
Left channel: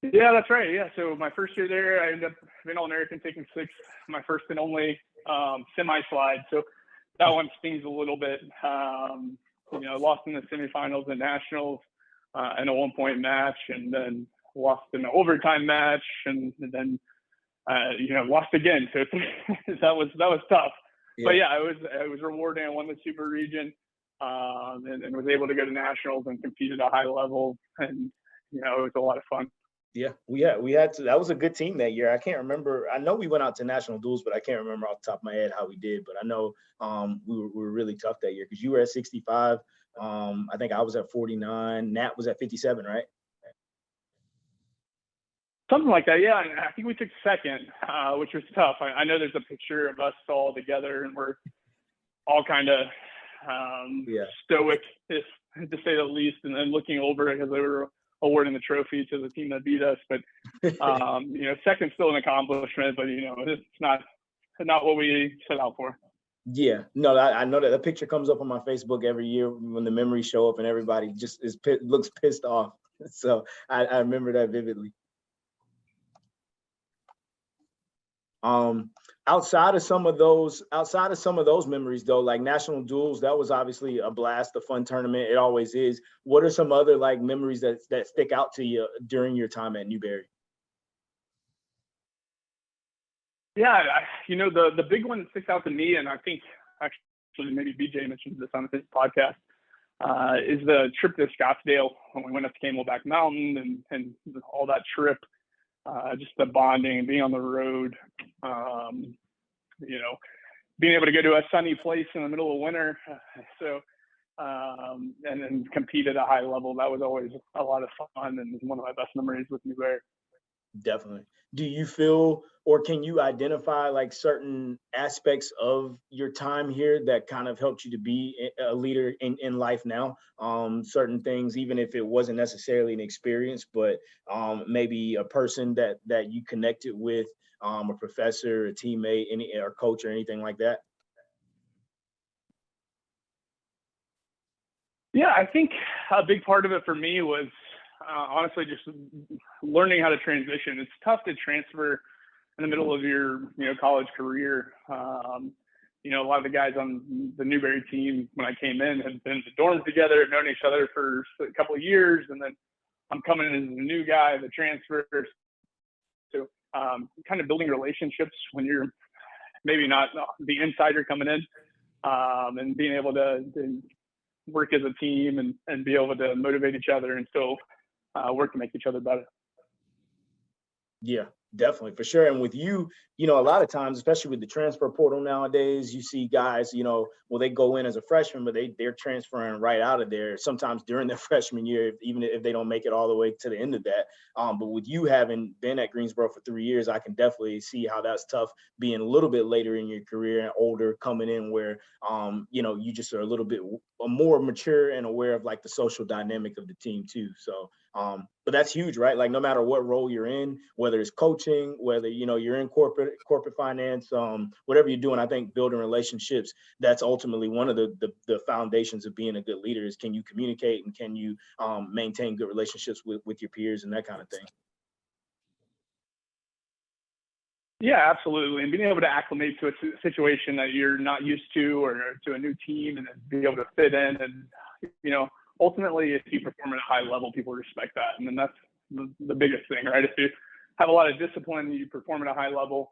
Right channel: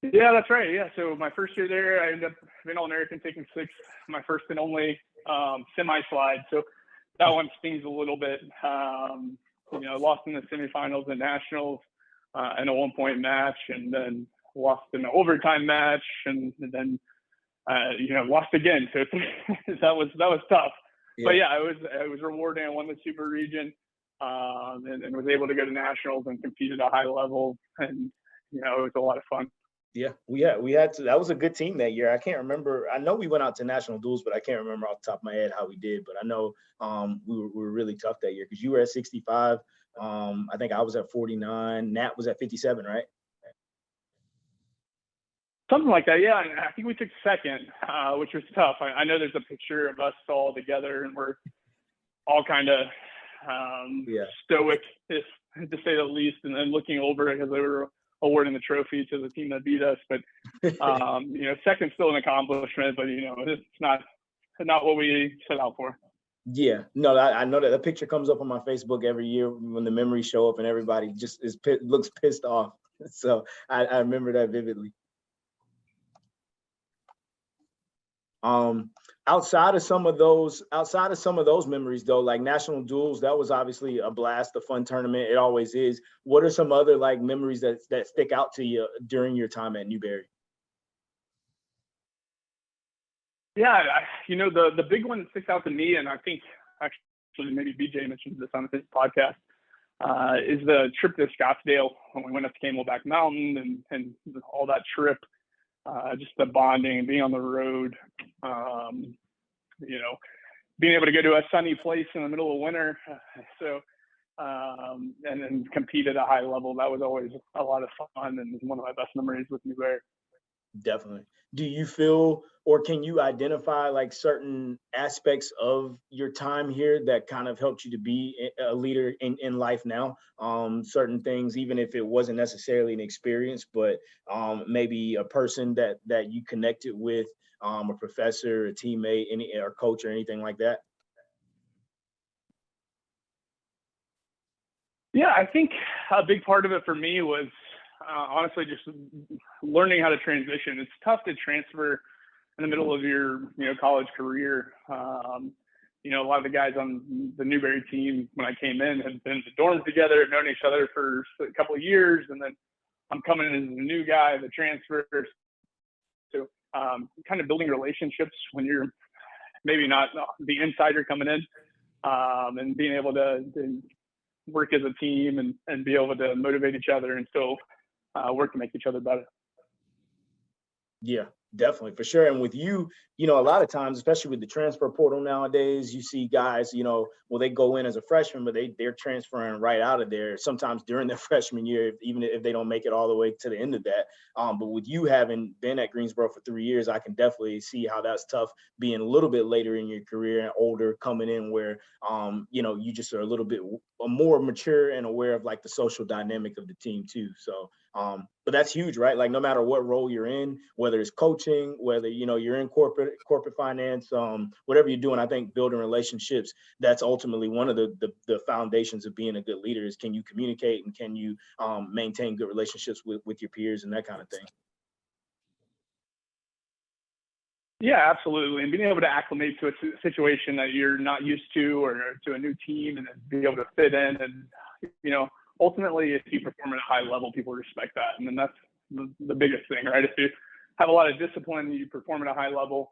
Yeah, that's right. Yeah. So my first year there, I ended up being All-American, taking 6th, my first and only semi-slide. So that one stings a little bit. Lost in the semifinals and nationals in a 1-point match, and then lost in an overtime match, and then lost again. So that was tough. Yeah. But yeah, it was rewarding. I won the super region, and was able to go to nationals and compete at a high level, and it was a lot of fun. Yeah, we had to. That was a good team that year. I can't remember. I know we went out to national duels, but I can't remember off the top of my head how we did. But I know we were really tough that year because you were at 65. I think I was at 49. Nat was at 57, right? Something like that, yeah. I think we took 2nd, which was tough. I know there's a picture of us all together, and we're all kind of stoic, to say the least, and then looking over it because they were awarding the trophy to the team that beat us. But 2nd's still an accomplishment, but it's not what we set out for. Yeah, no, I know that picture comes up on my Facebook every year when the memories show up and everybody just looks pissed off. So I remember that vividly. Um, outside of some of those memories though, like national duels, that was obviously a blast, a fun tournament. It always is. What are some other like memories that stick out to you during your time at Newberry? Yeah, the big one that sticks out to me, and I think actually maybe BJ mentioned this on his podcast, is the trip to Scottsdale when we went up to Camelback Mountain and all that trip, just the bonding, being on the road, being able to go to a sunny place in the middle of winter. And then compete at a high level. That was always a lot of fun and one of my best memories with Newberry. Definitely. Do you feel, or can you identify like certain aspects of your time here that kind of helped you to be a leader in life now? Certain things, even if it wasn't necessarily an experience, but maybe a person that you connected with, a professor, a teammate, or coach, or anything like that. Yeah, I think a big part of it for me was honestly just learning how to transition. It's tough to transfer in the middle of your college career. A lot of the guys on the Newberry team when I came in had been in the dorms together, known each other for a couple of years, and then I'm coming in as a new guy, the transfer. So kind of building relationships when you're maybe not the insider coming in, and being able to work as a team and be able to motivate each other and still work to make each other better. Yeah, definitely, for sure. And with you, a lot of times, especially with the transfer portal nowadays, you see guys, they go in as a freshman, but they're transferring right out of there sometimes during their freshman year, even if they don't make it all the way to the end of that. But with you having been at Greensboro for 3 years, I can definitely see how that's tough being a little bit later in your career and older coming in where, you just are a little bit more mature and aware of like the social dynamic of the team too. So, but that's huge, right? Like no matter what role you're in, whether it's coaching, whether you're in corporate finance, whatever you're doing, I think building relationships, that's ultimately one of the foundations of being a good leader is can you communicate and can you maintain good relationships with your peers and that kind of thing. Yeah, absolutely. And being able to acclimate to a situation that you're not used to or to a new team and then be able to fit in. And, ultimately, if you perform at a high level, people respect that. And then that's the biggest thing, right? If you have a lot of discipline, you perform at a high level,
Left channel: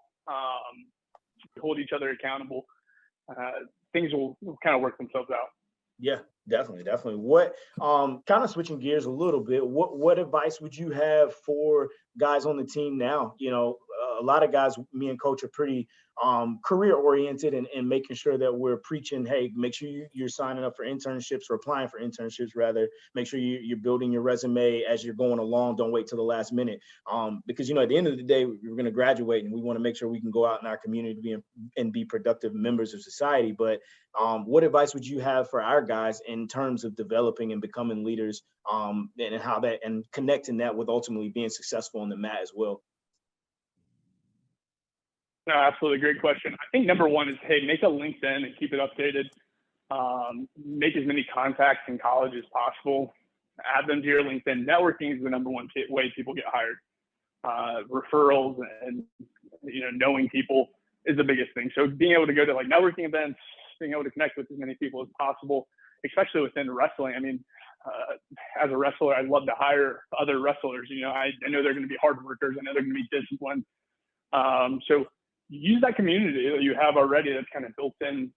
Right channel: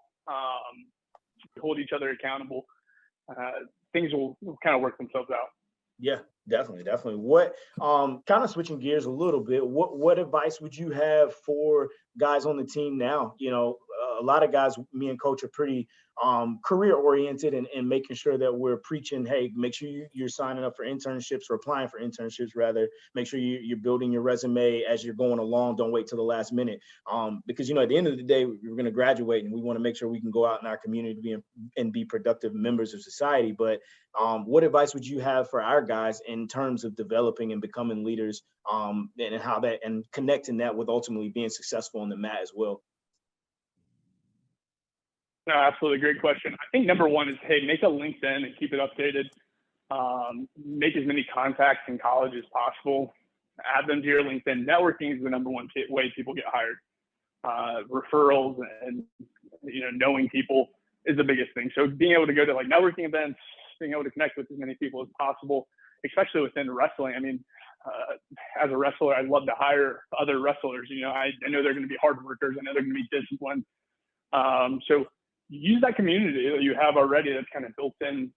hold each other accountable, things will kind of work themselves out. Yeah, definitely. What kind of switching gears a little bit, what advice would you have for guys on the team now? A lot of guys, me and coach, are pretty career oriented and making sure that we're preaching, hey, make sure you're signing up for internships or applying for internships rather. Make sure you're building your resume as you're going along. Don't wait till the last minute. Because at the end of the day, we're going to graduate and we want to make sure we can go out in our community and be productive members of society. But what advice would you have for our guys in terms of developing and becoming leaders, and how that and connecting that with ultimately being successful on the mat as well? No, absolutely. Great question. I think number one is, hey, make a LinkedIn and keep it updated. Make as many contacts in college as possible. Add them to your LinkedIn. Networking is the number one way people get hired. Referrals and, knowing people is the biggest thing. So being able to go to like networking events, being able to connect with as many people as possible, especially within wrestling. I mean, as a wrestler, I'd love to hire other wrestlers. I know they're going to be hard workers. I know they're going to be disciplined. So use that community that you have already that's kind of built in.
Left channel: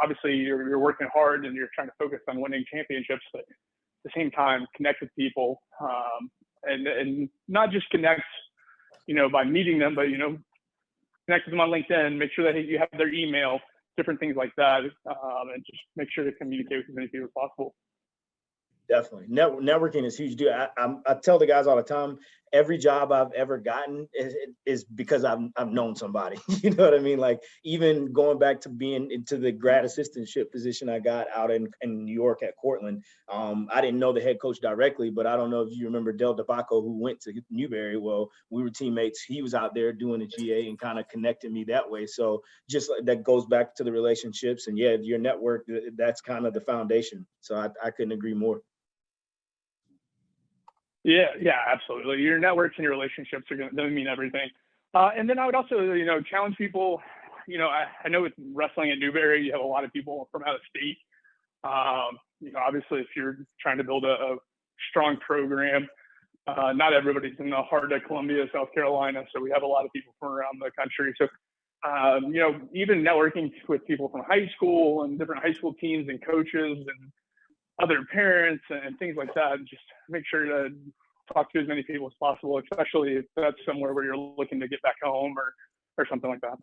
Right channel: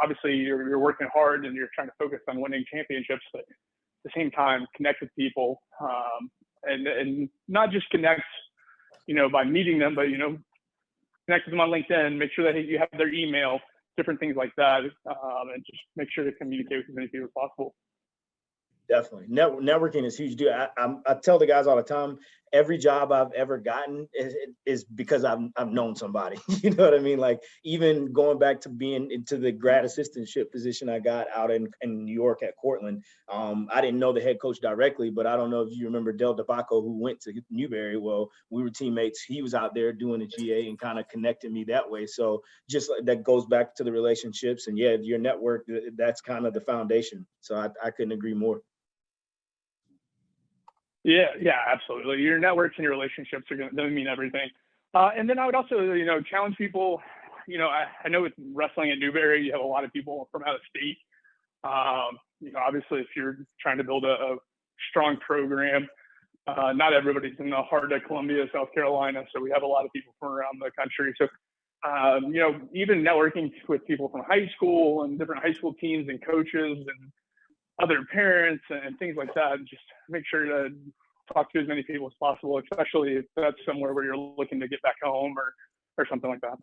Obviously you're working hard and you're trying to focus on winning championships, but at the same time, connect with people, and not just connect, by meeting them, but, connect with them on LinkedIn, make sure that you have their email, different things like that, and just make sure to communicate with as many people as possible. Definitely. Networking is huge, dude. I tell the guys all the time, every job I've ever gotten is because I've known somebody. You know what I mean? Like even going back to being into the grad assistantship position I got out in New York at Cortland. I didn't know the head coach directly, but I don't know if you remember Del DeBacco, who went to Newberry. Well, we were teammates. He was out there doing the GA and kind of connected me that way. So just like that goes back to the relationships, and yeah, your network, that's kind of the foundation. So I couldn't agree more. Yeah, absolutely. Your networks and your relationships are going to mean everything. And then I would also, challenge people. I know with wrestling at Newberry, you have a lot of people from out of state. Obviously, if you're trying to build a strong program, not everybody's in the heart of Columbia, South Carolina. So we have a lot of people from around the country. So, even networking with people from high school and different high school teams and coaches and other parents and things like that, just make sure to talk to as many people as possible, especially if that's somewhere where you're looking to get back home or something like that.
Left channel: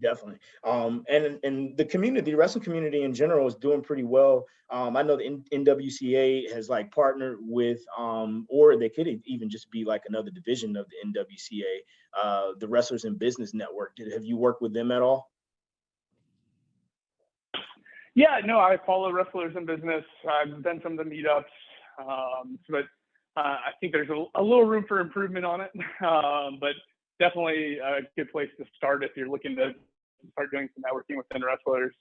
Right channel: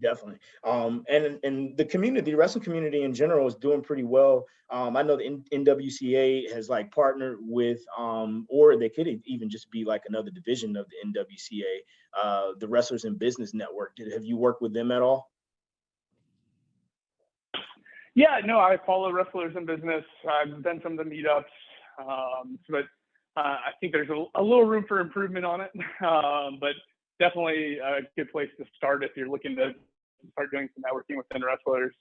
Definitely. And the community, the wrestling community in general, is doing pretty well. I know the NWCA has like partnered with, or they could even just be like another division of the NWCA, the Wrestlers in Business Network. Have you worked with them at all? Yeah, no, I follow Wrestlers in Business. I've done some of the meetups, but I think there's a little room for improvement on it. But definitely a good place to start if you're looking to start doing some networking within wrestlers.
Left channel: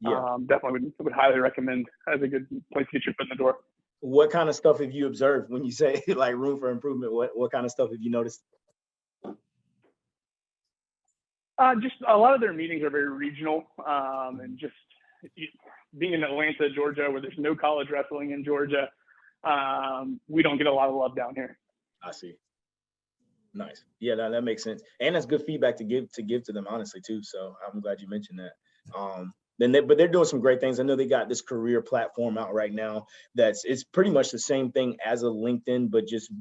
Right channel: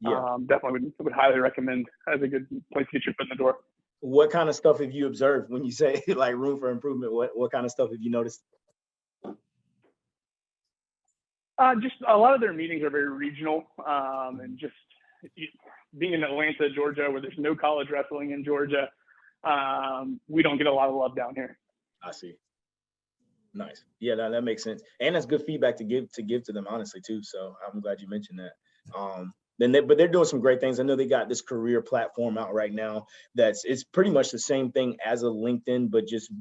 Yeah. Definitely would highly recommend as a good place to get your foot in the door. What kind of stuff have you observed when you say like room for improvement? What kind of stuff have you noticed? Just a lot of their meetings are very regional, and just being in Atlanta, Georgia, where there's no college wrestling in Georgia, we don't get a lot of love down here. I see. Nice. Yeah, that makes sense. And that's good feedback to give to them, honestly, too. So I'm glad you mentioned that. But they're doing some great things. I know they got this career platform out right now it's pretty much the same thing as a LinkedIn, but just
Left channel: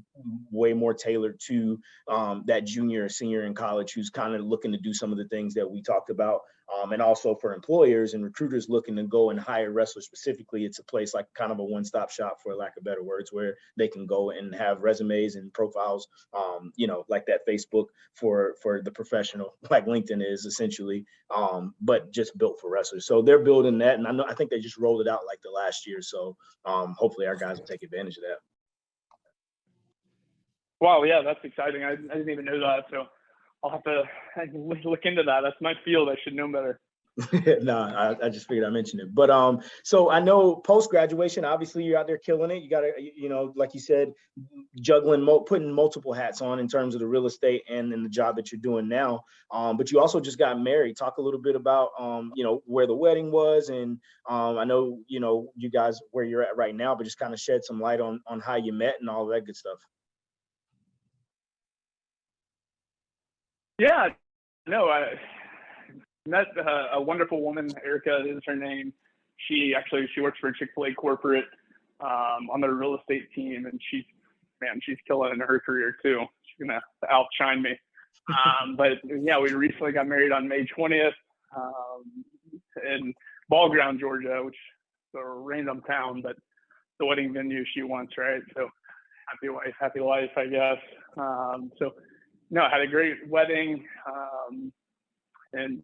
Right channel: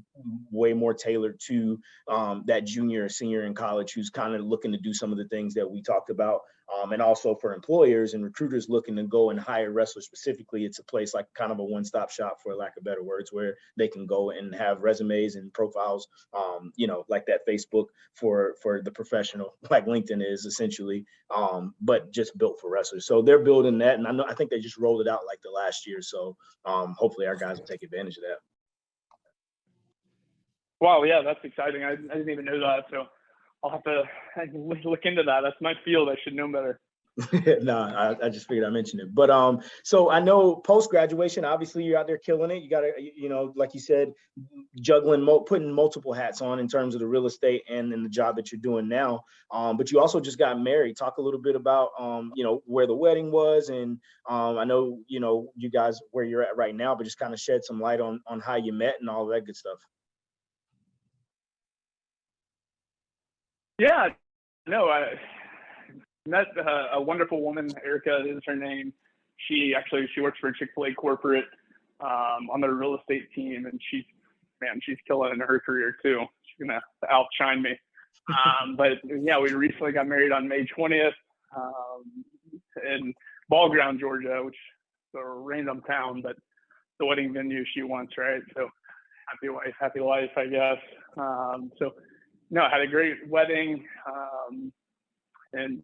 way more tailored to that junior or senior in college who's kind of looking to do some of the things that we talked about. And also for employers and recruiters looking to go and hire wrestlers specifically, it's a place like kind of a one-stop shop, for lack of better words, where they can go and have resumes and profiles, like that Facebook for the professional, like LinkedIn is essentially, but just built for wrestlers. So they're building that, and I think they just rolled it out like the last year. So hopefully our guys will take advantage of that. Wow, yeah, that's exciting. I didn't even know that. So I'll have to look into that. That's my field. I should know better. No, I just figured I mentioned it. But so I know post-graduation, obviously you're out there killing it. You got to, like you said, juggling, putting multiple hats on in terms of the real estate and in the job that you're doing now. But you also just got married. Talk a little bit about, where the wedding was. And I know, you guys where you're at right now, but just kind of shed some light on how you met and all that good stuff. Yeah, no, I met a wonderful woman, Erica is her name. She works for Chick-fil-A corporate on their real estate team, and she's killing in her career too. She's gonna outshine me. But yeah, we recently got married on May 20th in Ball Ground, Georgia, which is a random town, but the wedding venue she wants, right? So happy wife, happy life, I guess. No, I had a great wedding, and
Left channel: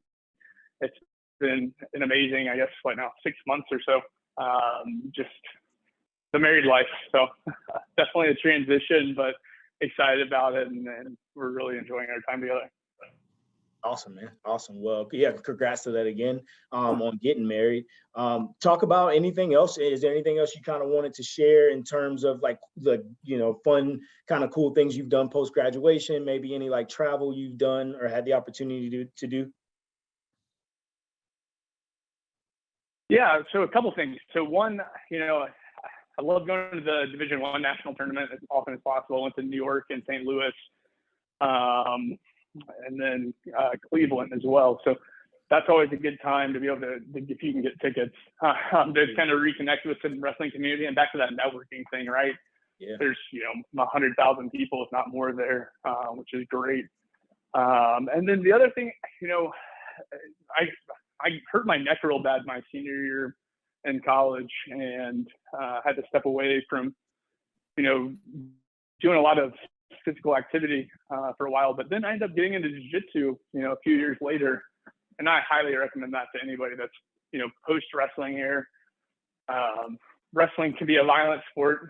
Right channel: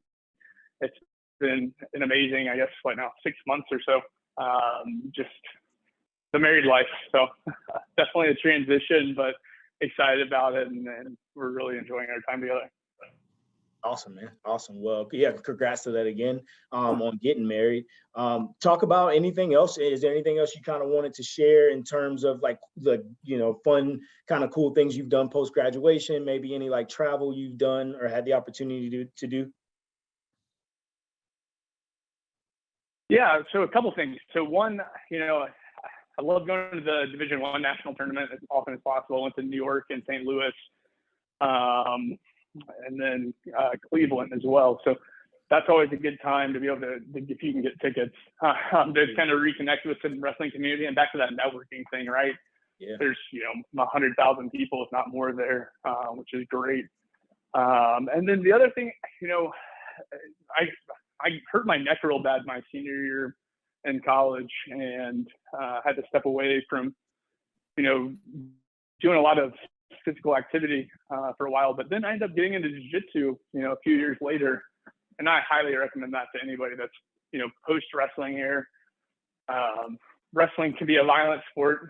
it's been an amazing, I guess, 6 months or so, just the married life. So definitely a transition, but excited about it, and we're really enjoying our time together. Awesome, man. Awesome. Well, yeah, congrats to that again on getting married. Talk about anything else. Is there anything else you kind of wanted to share in terms of like the, fun kind of cool things you've done post-graduation, maybe any like travel you've done or had the opportunity to do? Yeah, so a couple things. So one, I love going to the Division I national tournament as often as possible. I went to New York and St. Louis, and then Cleveland as well. So that's always a good time to be able to, if you can get tickets, to kind of reconnect with the wrestling community. And back to that networking thing, right? Yeah. There's 100,000 people, if not more, there, which is great. And then the other thing, I hurt my neck real bad my senior year in college, and had to step away from, doing a lot of physical activity for a while, but then I ended up getting into jiu-jitsu, a few years later. And I highly recommend that to anybody that's, post wrestling here. Wrestling can be a violent sport.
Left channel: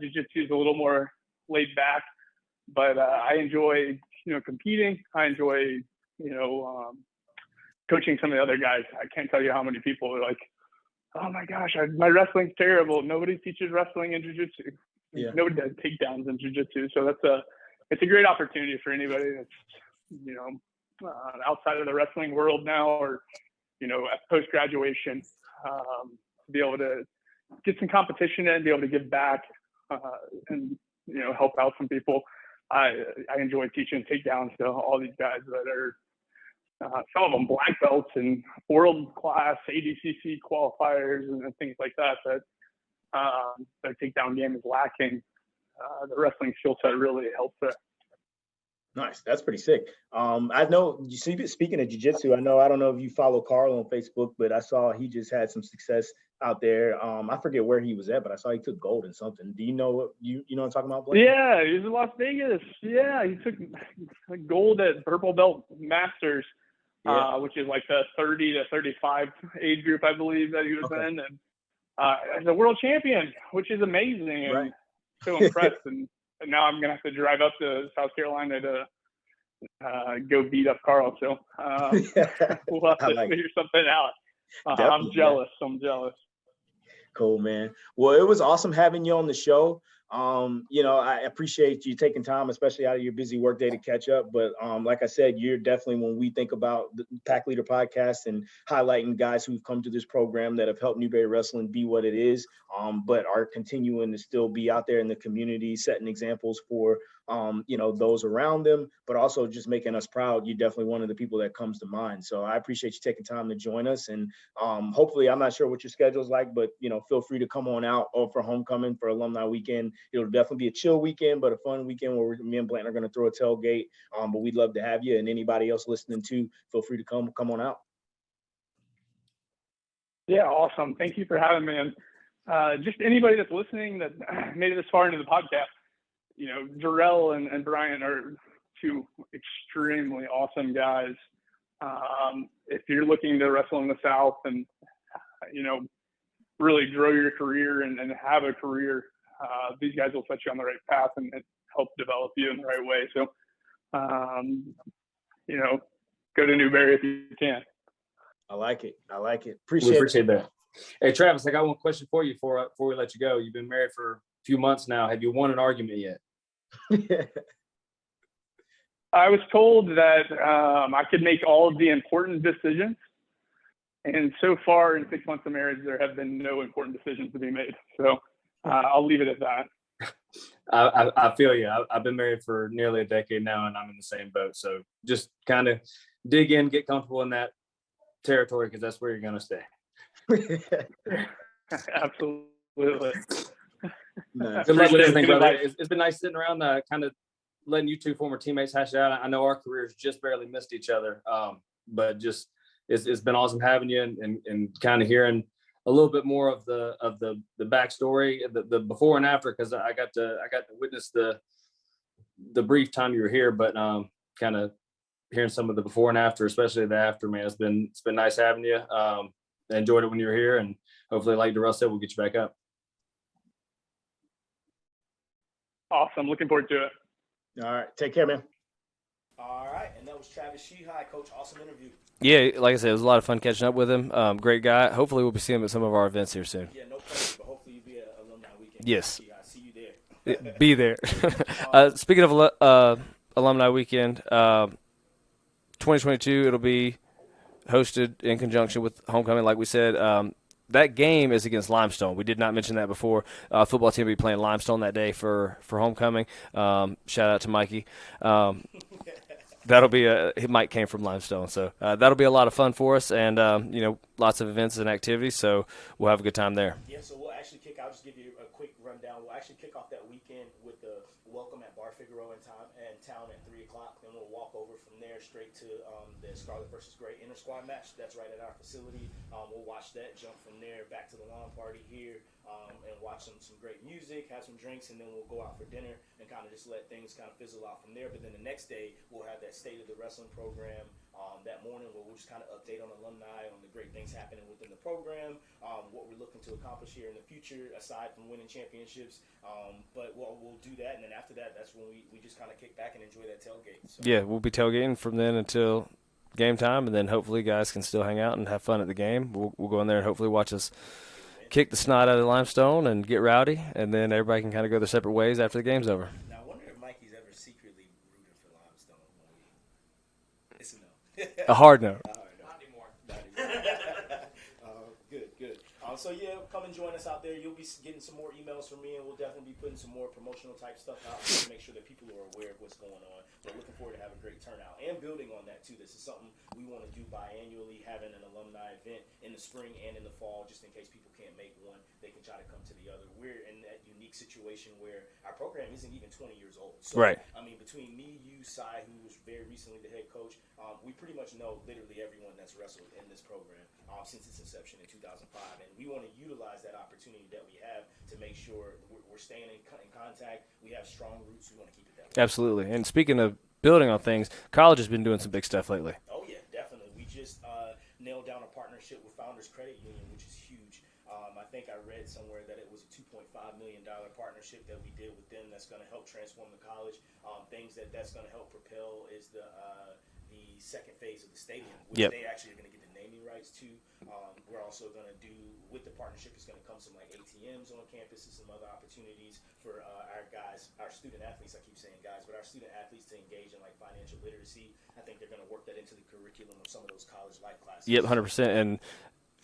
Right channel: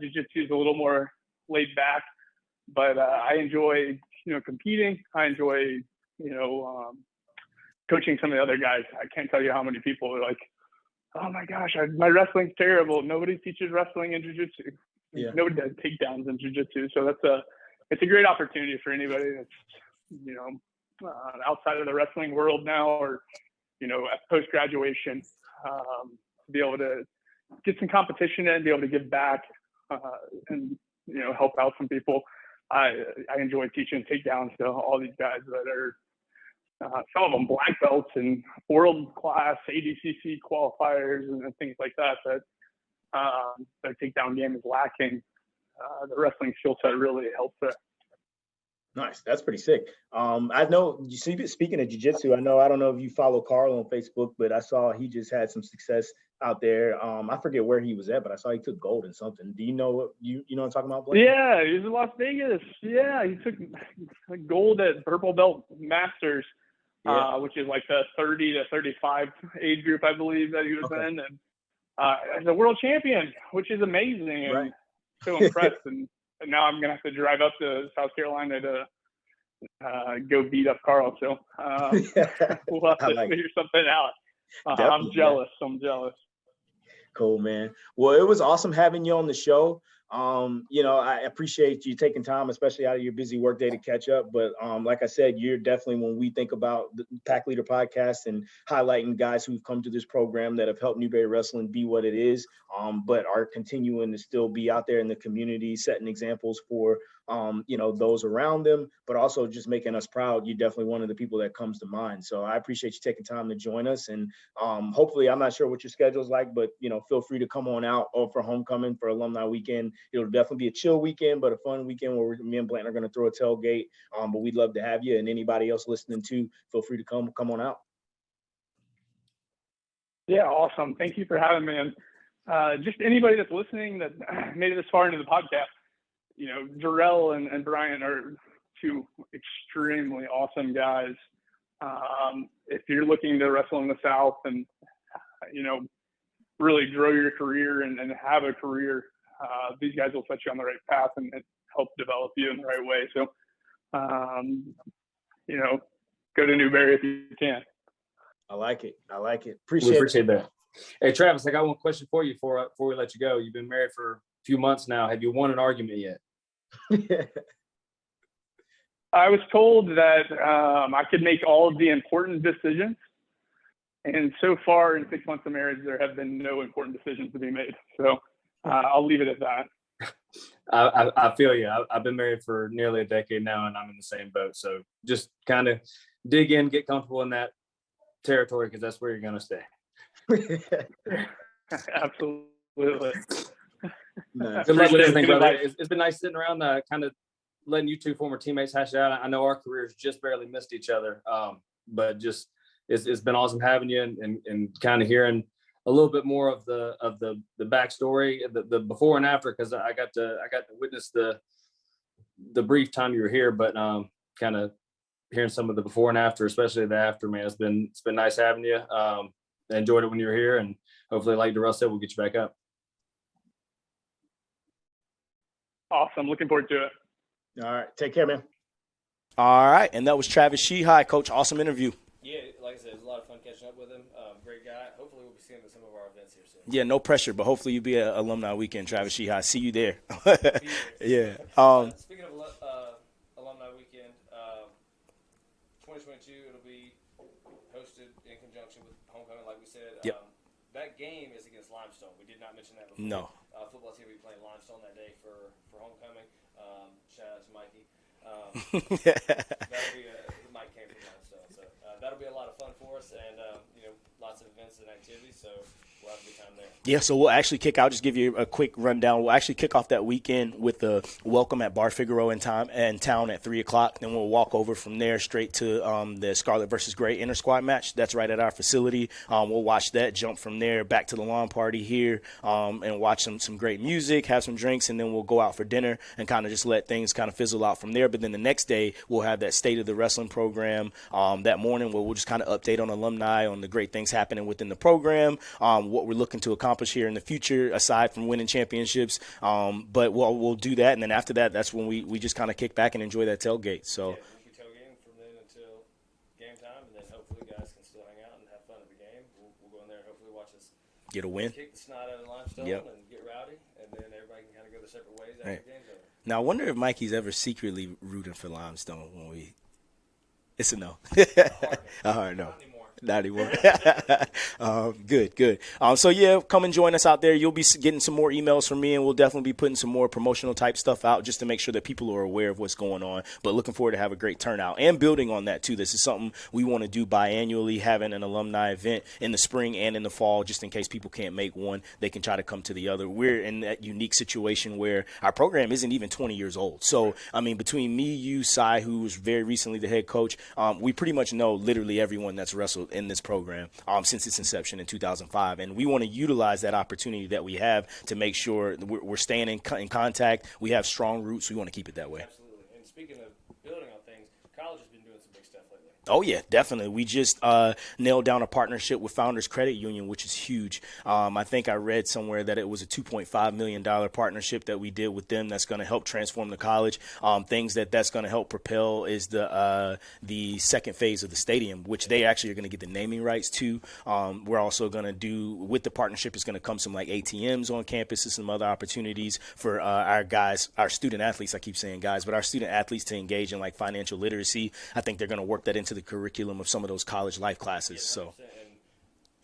Jiu-jitsu is a little more laid back, but I enjoy, competing. I enjoy, coaching some of the other guys. I can't tell you how many people are like, oh my gosh, my wrestling's terrible. Nobody teaches wrestling in jiu-jitsu. Yeah. Nobody does takedowns in jiu-jitsu. So it's a great opportunity for anybody that's, outside of the wrestling world now, or, at post-graduation, to be able to get some competition in, be able to give back, and, help out some people. I enjoy teaching takedowns to all these guys that are, some of them black belts and world-class ADCC qualifiers and things like that, their takedown game is lacking. The wrestling skill set really helps there. Nice. That's pretty sick. I know, you see, speaking of jiu-jitsu, I don't know if you follow Carl on Facebook, but I saw he just had some success out there. I forget where he was at, but I saw he took gold in something. Do you know what you know what I'm talking about, Blake? Yeah, he was in Las Vegas. Yeah, he took gold at Purple Belt Masters, which is like the 30 to 35 age group, I believe, that he was in. And as a world champion, which is amazing. And Right. so impressed. And now I'm going to have to drive up to South Carolina to go beat up Carl. So we'll have to figure something out. I'm jealous. I'm jealous. Cool, man. Well, it was awesome having you on the show. I appreciate you taking time, especially out of your busy workday, to catch up. But like I said, you're definitely, when we think about the Pack Leader podcast and highlighting guys who've come to this program that have helped Newberry Wrestling be what it is, but are continuing to still be out there in the community, setting examples for those around them, but also just making us proud. You're definitely one of the people that comes to mind. So I appreciate you taking time to join us. And hopefully, I'm not sure what your schedule's like, but feel free to come on out for homecoming, for alumni weekend. It'll definitely be a chill weekend, but a fun weekend where me and Blanton are going to throw a tailgate. But we'd love to have you, and anybody else listening too, feel free to come on out. Yeah, awesome. Thank you for having me. And just anybody that's listening that made it this far into the podcast, Jarrell and Brian are two extremely awesome guys. If you're looking to wrestle in the South and, really grow your career and have a career, these guys will set you on the right path and help develop you in the right way. So, go to Newberry if you can. I like it. Appreciate that. Hey, Travis, I got one question for you before we let you go. You've been married for a few months now. Have you won an argument yet? I was told that I could make all of the important decisions. And so far in 6 months of marriage, there have been no important decisions to be made. So I'll leave it at that. I feel you. I've been married for nearly a decade now, and I'm in the same boat. So just kind of dig in, get comfortable in that territory, because that's where you're going to stay. Absolutely. Nice. Good luck with everything, brother. It's been nice sitting around, kind of letting you two former teammates hash it out. I know our careers just barely missed each other, but just it's been awesome having you and kind of hearing a little bit more of the backstory, the before and after, because I got to witness the brief time you were here, but kind of hearing some of the before and after, especially the after, man. It's been nice having you. I enjoyed it when you were here, and hopefully, like Darrell said, we'll get you back up. Awesome. Looking forward to it. All right. Take care, man. All right. And that was Travis Sheehy, Coach. Awesome interview. Yeah, like I said, it was a lot of fun catching up with him. Great guy. Hopefully, we'll be seeing him at some of our events here soon. Yeah, no pressure, but hopefully you'll be at Alumni Weekend, Travis Sheehy. See you there. Be there. Yeah. Speaking of Alumni Weekend, 2022, it'll be hosted in conjunction with homecoming, like we said. That game is against Limestone. We did not mention that before. No. Football team will be playing Limestone that day for homecoming. Shout out to Mikey. That'll be Mike came from Limestone, so that'll be a lot of fun for us. And lots of events and activities, so we'll have a good time there. Yeah, so we'll actually I'll just give you a quick rundown. We'll actually kick off that weekend with the welcome at Bar Figaro in town at 3 o'clock. Then we'll walk over from there straight to the Scarlet versus Gray inter-squad match. That's right at our facility. We'll watch that, jump from there back to the lawn party here, and watch some great music, have some drinks, and then we'll go out for dinner and kind of just let things kind of fizzle out from there. But then the next day, we'll have that State of the Wrestling program that morning, where we'll just kind of update on alumni, on the great things happening within the program, what we're looking to accomplish here in the future, aside from winning championships. But we'll do that, and then after that, that's when we just kind of kick back and enjoy that tailgate. So yeah, we'll be tailgating from then until game time, and then hopefully guys can still hang out and have fun at the game. We'll go in there and hopefully watch us get a win, kick the snot out of Limestone, and get rowdy, and then everybody can kind of go their separate ways after the game's over. Now, I wonder if Mikey's ever secretly rooting for Limestone when we. It's a no. A hard no. A hard no. Not anymore. Good. So, yeah, come and join us out there. You'll be getting some more emails from me, and we'll definitely be putting some more promotional type stuff out just to make sure that people are aware of what's going on. But looking forward to have a great turnout and building on that, too. This is something we want to do biannually, having an alumni event in the spring and in the fall, just in case people can't make one. They can try to come to the other. We're in that unique situation where our program isn't even 20 years old. So, I mean, between me, you, Cy, who was very recently the head coach, we pretty much know literally everyone that's wrestled in this program since its inception in 2005, and we want to utilize that opportunity that we have to make sure we're staying in contact. We have strong roots. We want to keep it that way. Absolutely. And speaking of building on things, college has been doing some big stuff lately. Oh, yeah, definitely. We just nailed down a partnership with Founders Credit Union, which is huge. I think I read somewhere that it was a $2.5 million partnership that we did with them that's going to help transform the college. Things that's going to help propel is the second phase of the stadium, which they actually are going to get the naming rights to. We're also going to do, with the partnership, is going to come some like ATMs on campus and some other opportunities for our guys, our student athletes. I keep saying guys, but our student athletes to engage in like financial literacy. I think they're going to work that into the curriculum of some of those college life classes. Yep, 100%.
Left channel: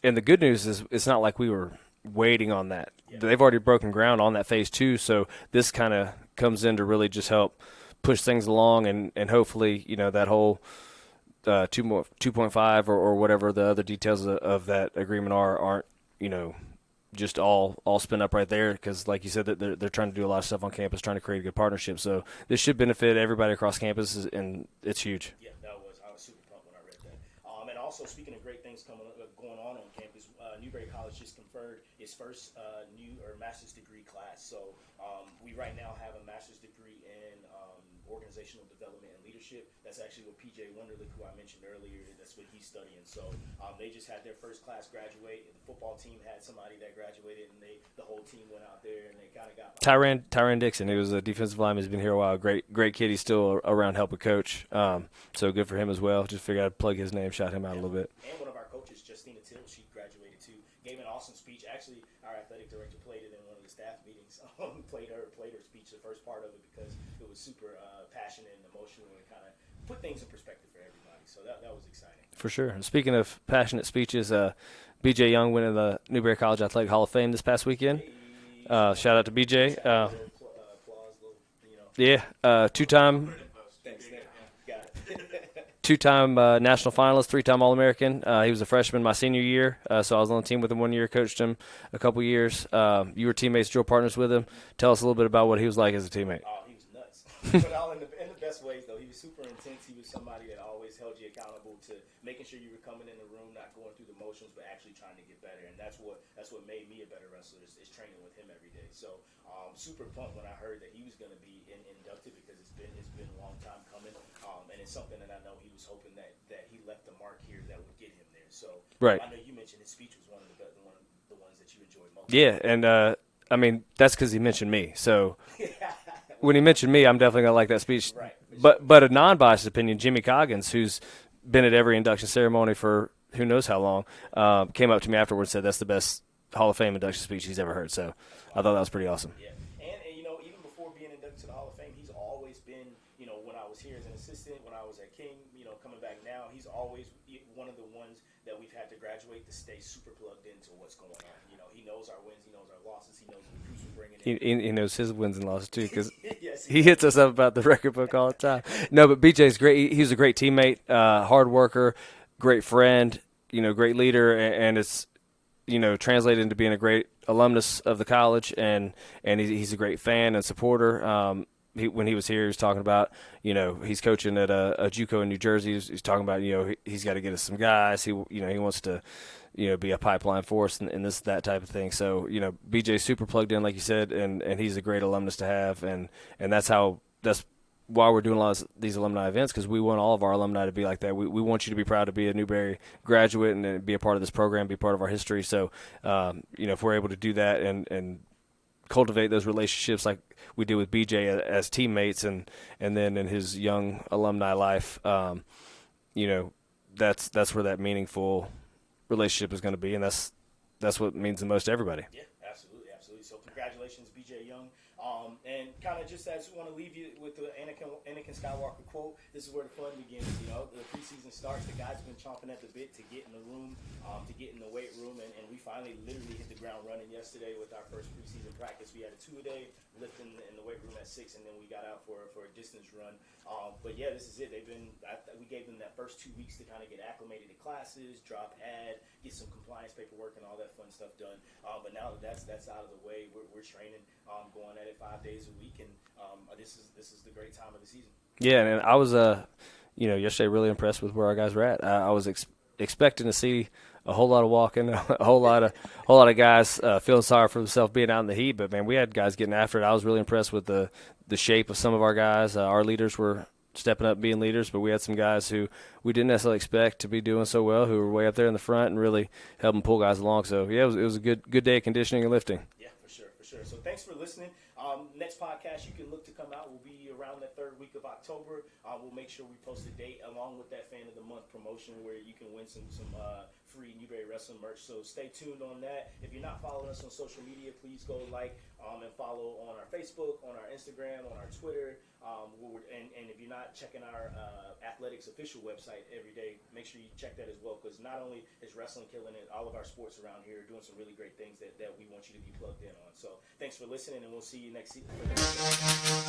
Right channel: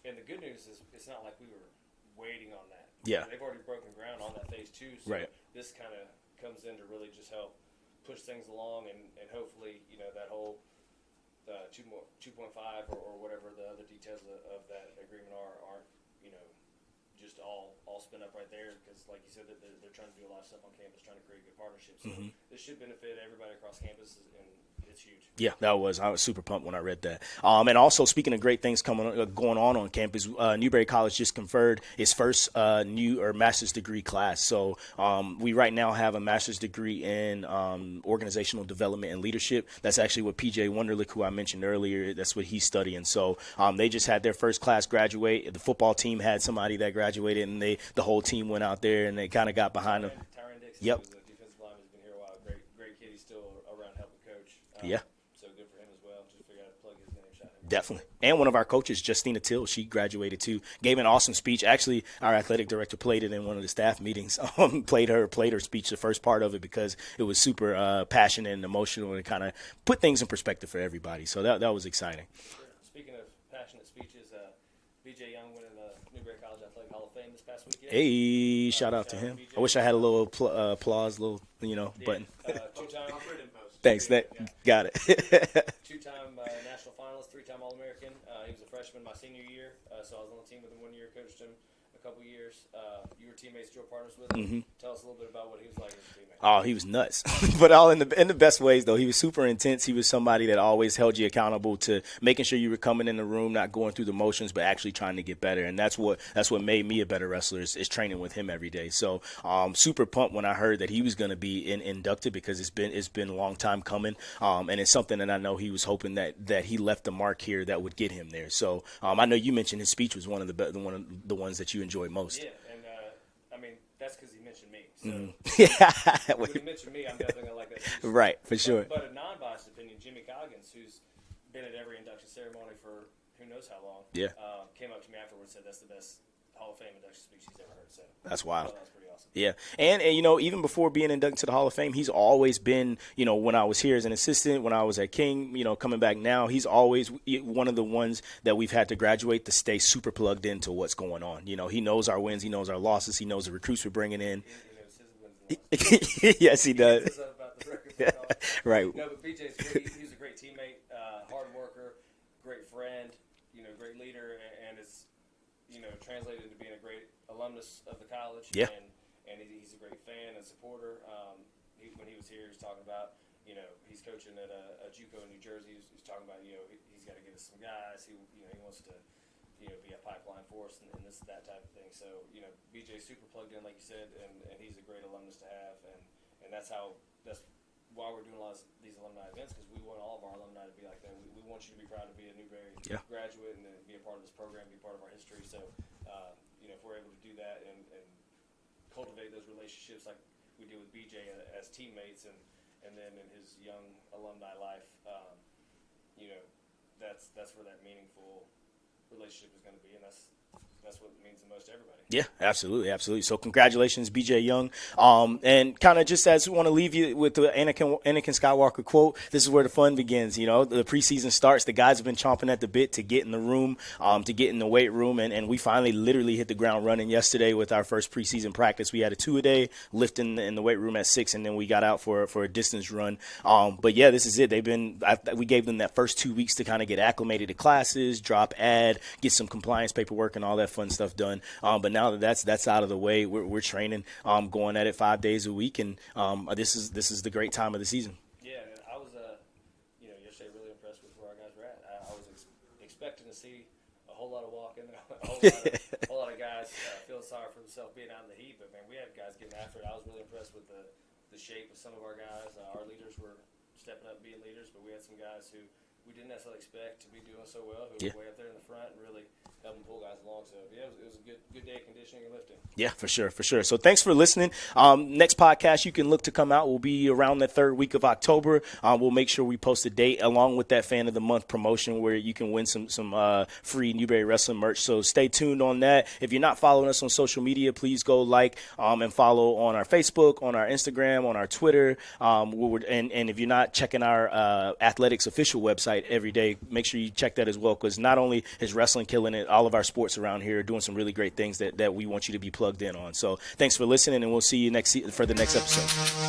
And the good news is it's not like we were waiting on that. Yeah. They've already broken ground on that phase 2, so this kind of comes in to really just help push things along, and hopefully, that whole 2.5 or whatever the other details of that agreement aren't, just all spin up right there, because like you said, that they're trying to do a lot of stuff on campus, trying to create a good partnership. So this should benefit everybody across campus, and it's huge. Yeah, I was super pumped when I read that. And also, speaking of great things going on campus, Newberry College just conferred its first master's degree class. So we right now have a master's degree in organizational development and leadership. That's actually what PJ Wunderlich, who I mentioned earlier, that's what he's studying. So they just had their first class graduate. The football team had somebody that graduated, and the whole team went out there and they kind of got behind Tyron Dixon. Yep. He was a defensive lineman. He's been here a while. Great kid. He's still around helping coach. So good for him as well. Just figured I'd plug his name, shout him out a little bit. And one of our coaches, Justina Till, she graduated too. Gave an awesome speech. Actually, our athletic director played it in one of the staff meetings. Played her speech, the first part of it, because it was super passionate and emotional, and kind of put things in perspective for everybody. So that was exciting. For sure. And speaking of passionate speeches, BJ Young winning the Newberry College Athletic Hall of Fame this past weekend. Hey, shout out to BJ. I wish I had a little applause, two-time. Thanks, got it. Two-time national finalist, 3-time All-American. He was a freshman my senior year, so I was on the team with him 1 year, coached him a couple years. You were teammates, drill partners with him. Mm-hmm. Tell us a little bit about what he was like as a teammate. Oh, he was nuts, but all in the best ways, though. He was super intense. He was somebody that always held you accountable to making sure you were coming in the room, not going through the motions, but actually trying to get better. And that's what made me a better wrestler is training with him every day. So super pumped when I heard that he was going to be inducted, because it's been a long time coming, and it's something that I know he was hoping that he left the mark here that would get him there. So I know you mentioned his speech was one of the ones that you enjoyed most. Yeah, and that's because he mentioned me. So when he mentioned me, I'm definitely gonna like that speech. Right, for sure. But a non-biased opinion, Jimmy Coggins, who's been at every induction ceremony for who knows how long, came up to me afterwards and said that's the best Hall of Fame induction speech he's ever heard. So that's wild. I thought that was pretty awesome. Yeah. And even before being inducted to the Hall of Fame, he's always been, when I was here as an assistant, when I was at King, coming back now, he's always one of the ones that we've had to graduate to stay super plugged into what's going on. He knows our wins, he knows our losses, he knows the recruits we're bringing in. He knows his wins and losses too. Yes, he hits us up about the record book all the time. Right. No, but BJ's great. He's a great teammate, hard worker, great friend. great leader, and it's, translated into being a great alumnus of the college, and he's a great fan and supporter. When he was here, he was talking about, he's coaching at a JUCO in New Jersey. He's talking about, he's got to get us some guys. He wants to, be a pipeline for us and that type of thing. So, BJ's super plugged in, like you said, and he's a great alumnus to have. And that's why we're doing a lot of these alumni events, because we want all of our alumni to be like that. We want you to be proud to be a Newberry graduate and be a part of this program, be part of our history. So, if we're able to do that and cultivate those relationships like we did with BJ as teammates and then in his young alumni life, that's where that meaningful relationship is going to be, and that's what means the most to everybody. Yeah, absolutely. So congratulations, BJ Young. And kind of just as we want to leave you with the Anakin Skywalker quote, this is where the fun begins. The preseason starts. The guys have been chomping at the bit to get in the room, to get in the weight room, and we finally literally hit the ground running yesterday with our first preseason practice. We had a 2-a-day lift in the weight room at 6, and then we got out for a distance run. But yeah, this is it. We gave them that first 2 weeks to kind of get acclimated to classes, drop ad, get some compliance paperwork and all that fun stuff done. But now that that's out of the way, we're training, going at it 5 days a week, and this is the great time of the season. Yeah, and I was yesterday really impressed with where our guys were at. I was expecting to see a whole lot of walking, a whole lot of guys feeling sorry for themselves being out in the heat. But man, we had guys getting after it. I was really impressed with the shape of some of our guys. Our leaders were stepping up, being leaders, but we had some guys who we didn't necessarily expect to be doing so well, who were way up there in the front and really helping pull guys along. So yeah, it was a good day of conditioning and lifting. Yeah, for sure. So thanks for listening. Next podcast you can look to come out will be around the third week of October. We'll make sure we post a date along with that Fan of the Month promotion where you can win some free Newberry Wrestling merch. So stay tuned on that. If you're not following us on social media, please go and follow on our Facebook, on our Instagram, on our Twitter. And if you're not checking our athletics official website every day, make sure you check that as well, because not only is wrestling killing it, all of our sports around here are doing some really great things that we want you to be plugged in on. So thanks for listening, and we'll see you for the next episode.